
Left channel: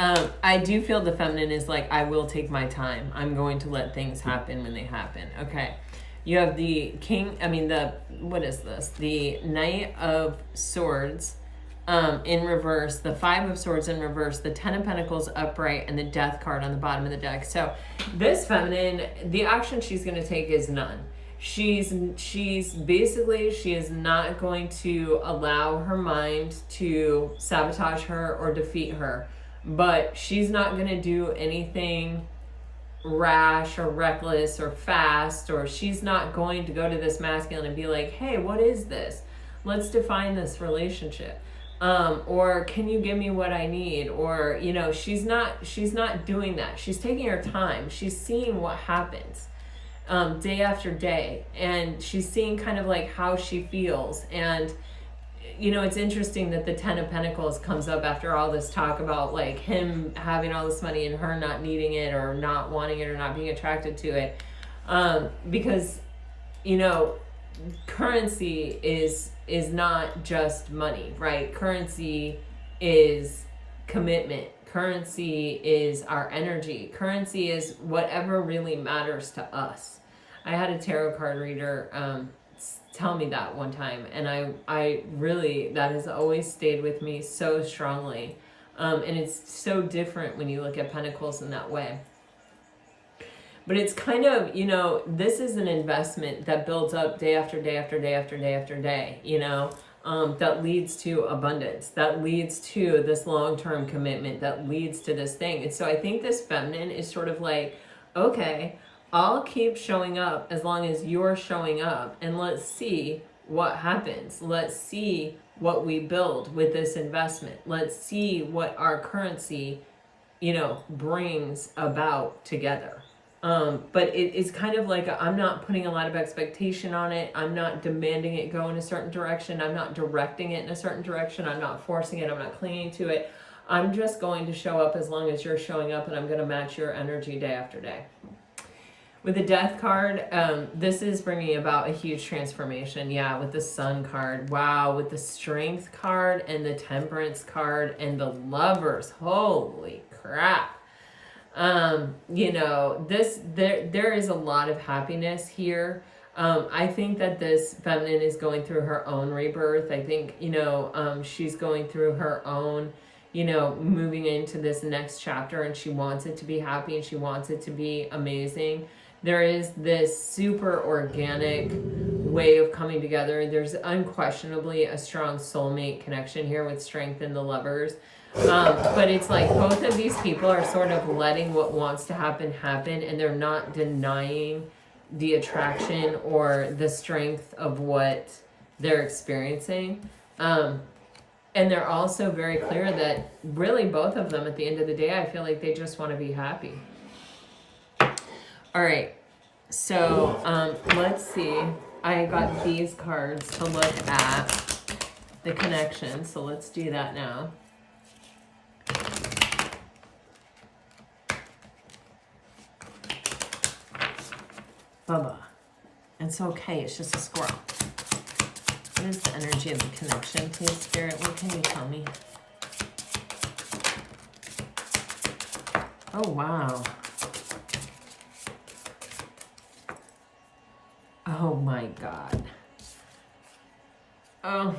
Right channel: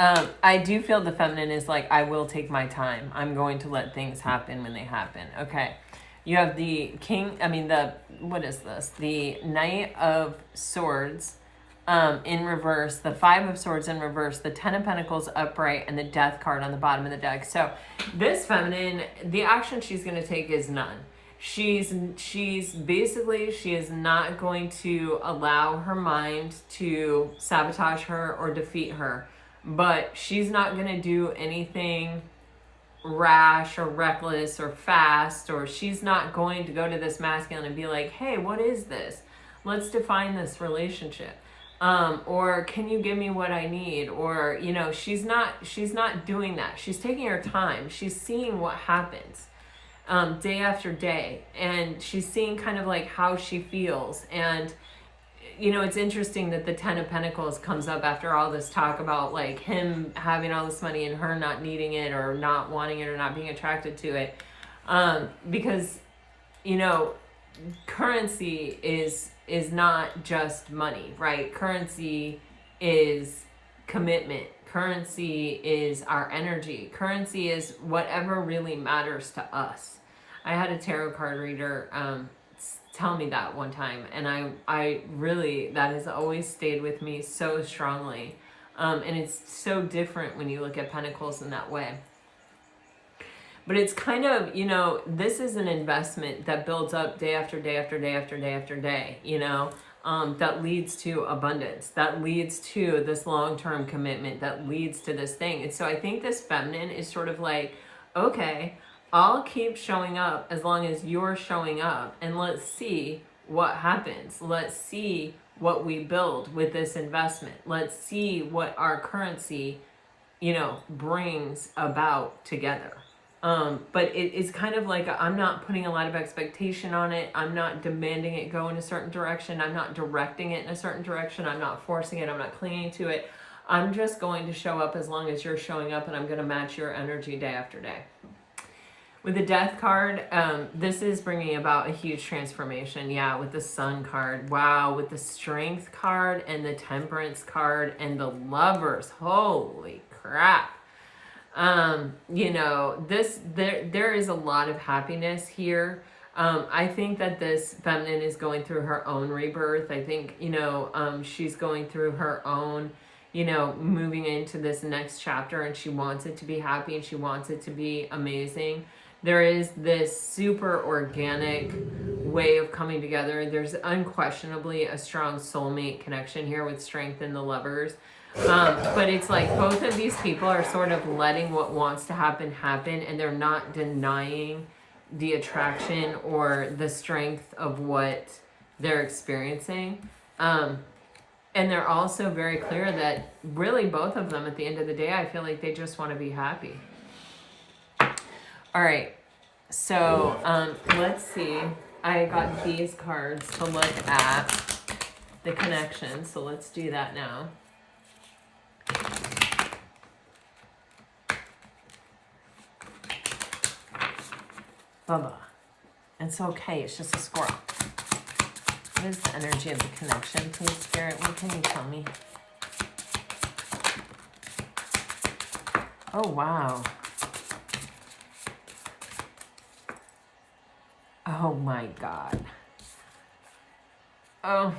I do feel the feminine is like, I will take my time. I'm going to let things happen when they happen. Okay. You have the what is this? The Knight of Swords in reverse, the Five of Swords in reverse, the Ten of Pentacles upright, and the Death card on the bottom of the deck. So this feminine, the action she's going to take is none. She's basically, she is not going to allow her mind to sabotage her or defeat her. But she's not going to do anything rash or reckless or fast, or she's not going to go to this masculine and be like, hey, what is this? Let's define this relationship. Or can you give me what I need? Or, you know, she's not doing that. She's taking her time. She's seeing what happens day after day. And she's seeing kind of like how she feels. And you know, it's interesting that the Ten of Pentacles comes up after all this talk about like him having all this money and her not needing it or not wanting it or not being attracted to it. Because, you know, currency is not just money, right? Currency is commitment. Currency is our energy. Currency is whatever really matters to us. I had a tarot card reader tell me that one time, and I really, that has always stayed with me so strongly. And it's so different when you look at Pentacles in that way. But it's kind of, you know, this is an investment that builds up day after day after day after day after day, you know, that leads to abundance, that leads to this long-term commitment, that leads to this thing. And so I think this feminine is sort of like, okay, I'll keep showing up as long as you're showing up, and let's see what happens. Let's see what we build with this investment. Let's see what our currency, you know, brings about together. But it's kind of like, I'm not putting a lot of expectation on it. I'm not demanding it go in a certain direction. I'm not directing it in a certain direction. I'm not forcing it. I'm not clinging to it. I'm just going to show up as long as you're showing up, and I'm going to match your energy day after day. With the Death card, this is bringing about a huge transformation. Yeah, with the Sun card. Wow, with the Strength card and the Temperance card and the Lovers. Holy crap. You know, there is a lot of happiness here. I think that this feminine is going through her own rebirth. I think, you know, she's going through her own, you know, moving into this next chapter, and she wants it to be happy and she wants it to be amazing. There is this super organic way of coming together. There's unquestionably a strong soulmate connection here with Strength and the Lovers. But it's like both of these people are sort of letting what wants to happen, and they're not denying the attraction or the strength of what they're experiencing. And they're also very clear that really both of them, at the end of the day, I feel like they just want to be happy. All right, so let's see. I got these cards to look at the connection, so let's do that now. Bubba. It's okay. It's just a squirrel. What is the energy of the connection, please, Spirit? What can you tell me? Oh, wow. Oh, my God. Oh.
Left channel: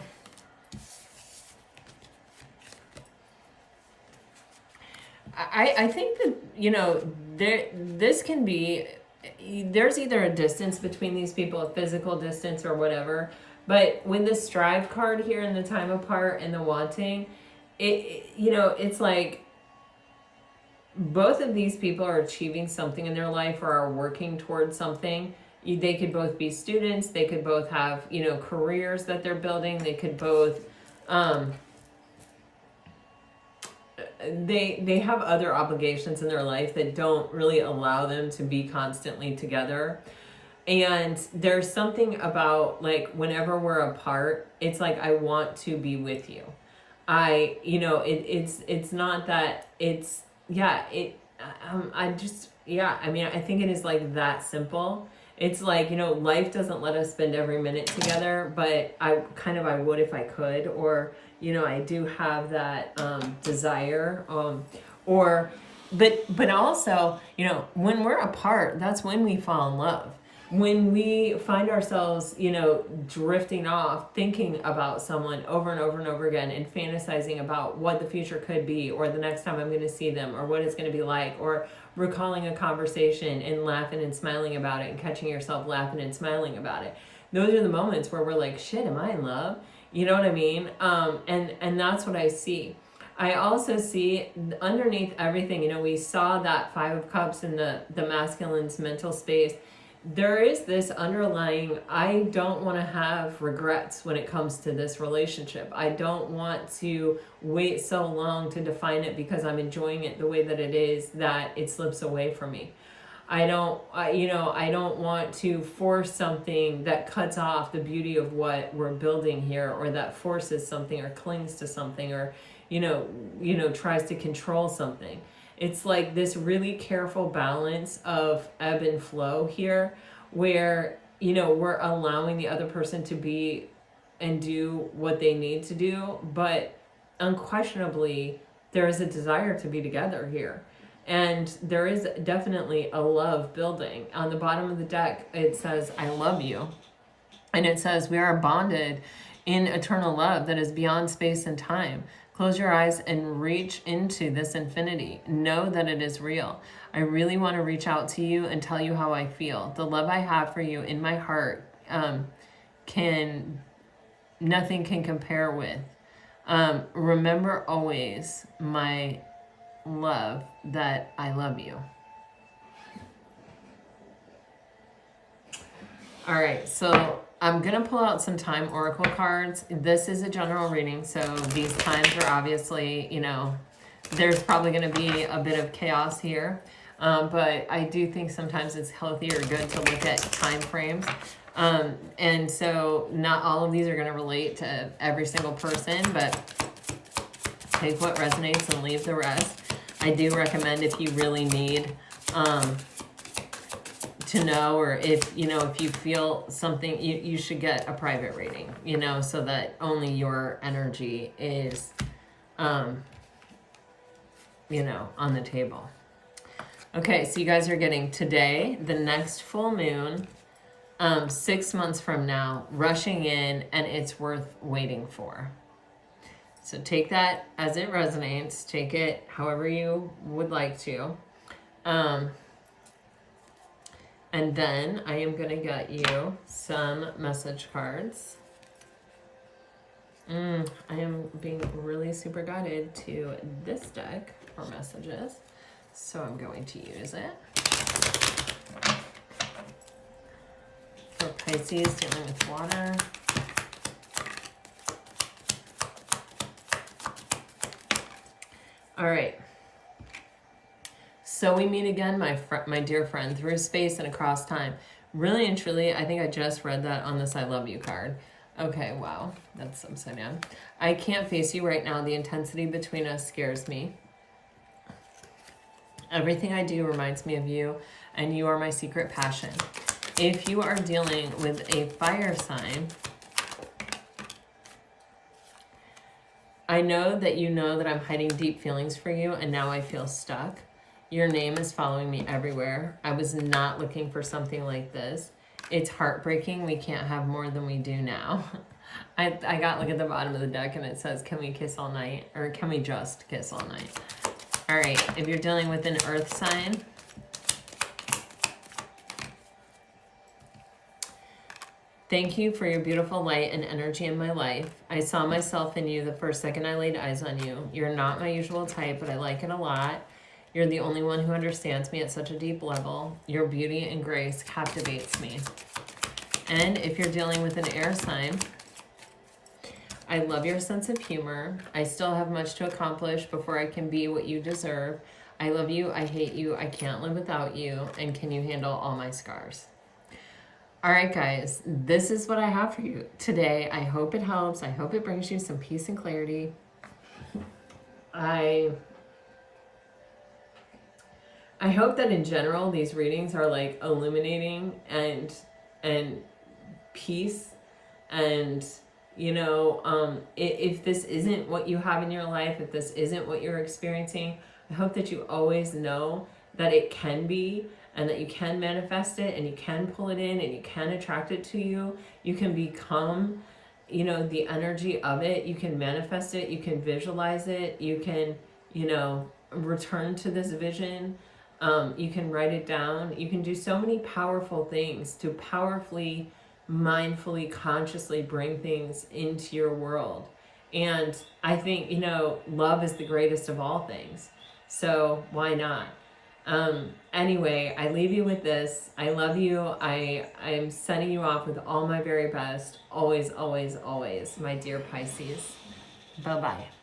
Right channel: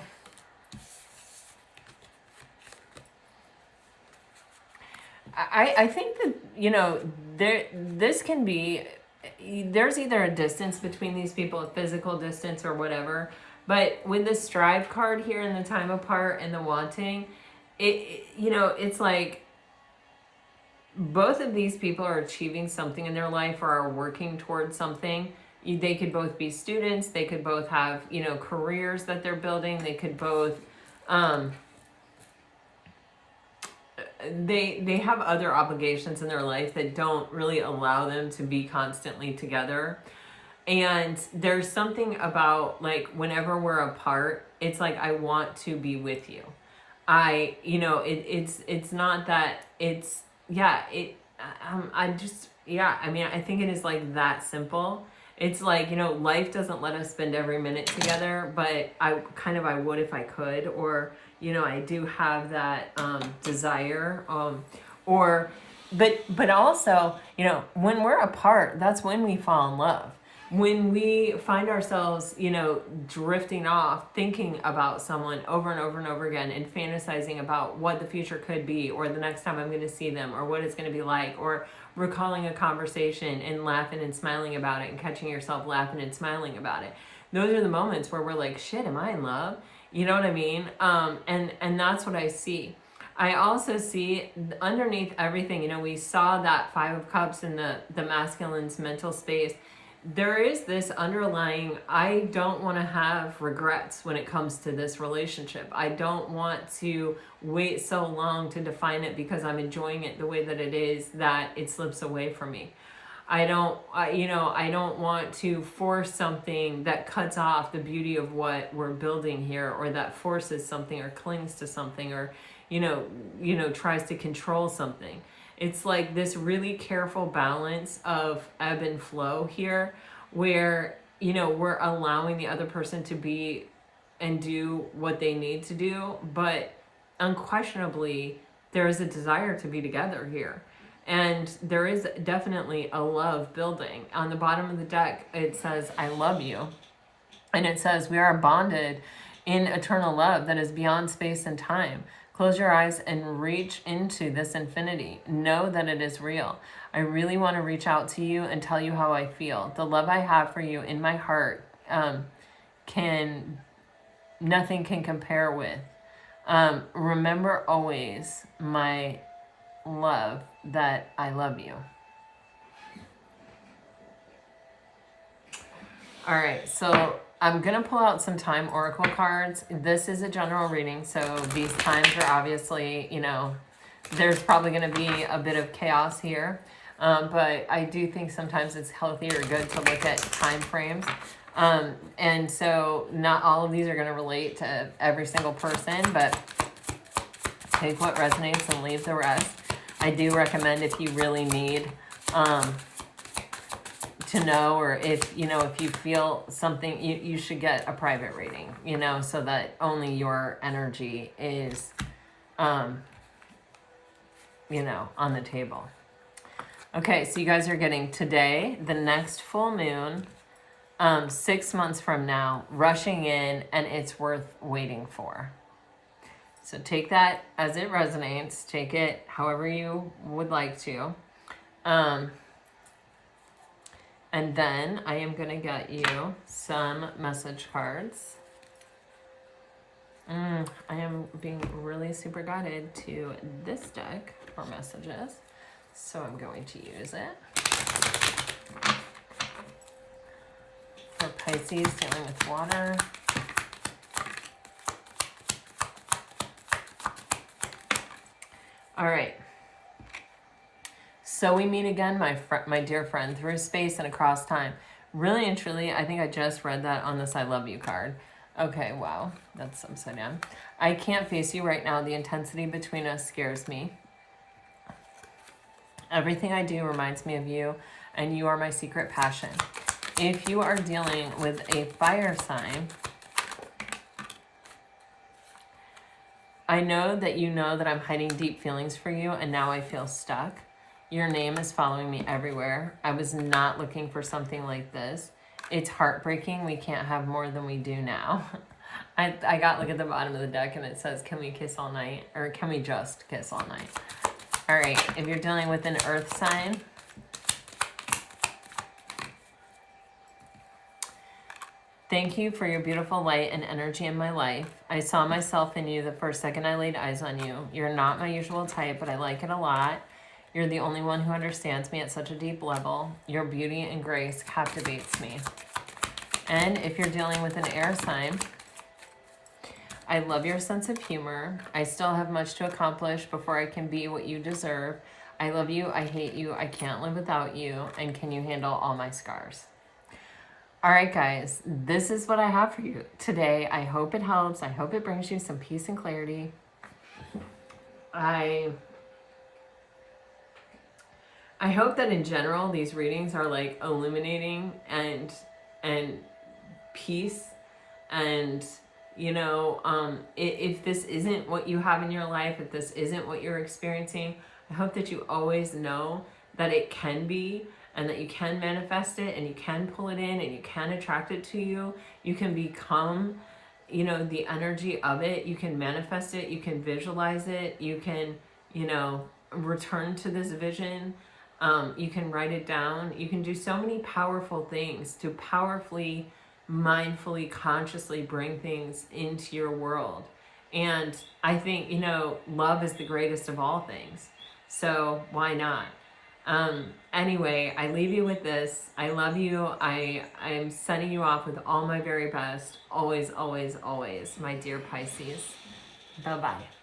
I think that, you know, this can be, there's either a distance between these people, a physical distance or whatever. But with the strive card here and the time apart and the wanting, you know, it's like both of these people are achieving something in their life or are working towards something. They could both be students. They could both have, you know, careers that they're building. They could both, they have other obligations in their life that don't really allow them to be constantly together. And there's something about, like, whenever we're apart, it's like, I want to be with you. You know, it's not that it's, yeah, I just, yeah, I mean, I think it is like that simple. It's like, you know, life doesn't let us spend every minute together, but I would if I could, or, you know, I do have that desire, but also, you know, when we're apart, that's when we fall in love. When we find ourselves, you know, drifting off, thinking about someone over and over and over again and fantasizing about what the future could be, or the next time I'm going to see them, or what it's going to be like, or recalling a conversation and laughing and smiling about it and catching yourself laughing and smiling about it. Those are the moments where we're like, shit, am I in love? You know what I mean? And that's what I see. I also see underneath everything, you know, we saw that Five of Cups in the masculine's mental space. There is this underlying, I don't want to have regrets when it comes to this relationship. I don't want to wait so long to define it because I'm enjoying it the way that it is, that it slips away from me. I don't want to force something that cuts off the beauty of what we're building here, or that forces something or clings to something, or, you know, tries to control something. It's like this really careful balance of ebb and flow here, where, you know, we're allowing the other person to be and do what they need to do, but unquestionably there is a desire to be together here. And there is definitely a love building. On the bottom of the deck, it says, I love you. And it says, we are bonded in eternal love that is beyond space and time. Close your eyes and reach into this infinity. Know that it is real. I really want to reach out to you and tell you how I feel. The love I have for you in my heart nothing can compare with. Remember always, my love, that I love you. All right, so I'm going to pull out some time oracle cards. This is a general reading, so these times are obviously, you know, there's probably going to be a bit of chaos here. But I do think sometimes it's healthy or good to look at time frames. And so not all of these are going to relate to every single person, but take what resonates and leave the rest. I do recommend, if you really need to know, or if, you know, if you feel something, you should get a private reading, you know, so that only your energy is, you know, on the table. Okay, so you guys are getting today, the next full moon, 6 months from now, rushing in, and it's worth waiting for. So take that as it resonates. Take it however you would like to. And then I am going to get you some message cards. I am being really super guided to this deck for messages. So I'm going to use it. For Pisces dealing with water. All right. So we meet again, my dear friend, through space and across time. Really and truly, I think I just read that on this I love you card. Okay, wow, that's upside down. I can't face you right now. The intensity between us scares me. Everything I do reminds me of you, and you are my secret passion. if you are dealing with a fire sign, I know that you know that I'm hiding deep feelings for you, and now I feel stuck. Your name is following me everywhere. I was not looking for something like this. It's heartbreaking. We can't have more than we do now. I got look at the bottom of the deck and it says, can we kiss all night? Or can we just kiss all night? All right, if you're dealing with an earth sign, thank you for your beautiful light and energy in my life. I saw myself in you the first second I laid eyes on you. You're not my usual type, but I like it a lot. You're the only one who understands me at such a deep level. Your beauty and grace captivates me. And if you're dealing with an air sign, I love your sense of humor. I still have much to accomplish before I can be what you deserve. I love you. I hate you. I can't live without you. And can you handle all my scars? All right, guys, this is what I have for you today. I hope it helps. I hope it brings you some peace and clarity. I hope that in general, these readings are like illuminating and peace. And, you know, if this isn't what you have in your life, if this isn't what you're experiencing, I hope that you always know that it can be, and that you can manifest it, and you can pull it in, and you can attract it to you. You can become, you know, the energy of it. You can manifest it. You can visualize it. You can, you know, return to this vision. You can write it down. You can do so many powerful things to powerfully, mindfully, consciously bring things into your world. And I think, you know, love is the greatest of all things. So why not? Anyway, I leave you with this. I love you. I'm sending you off with all my very best. Always, always, always, my dear Pisces. Bye-bye.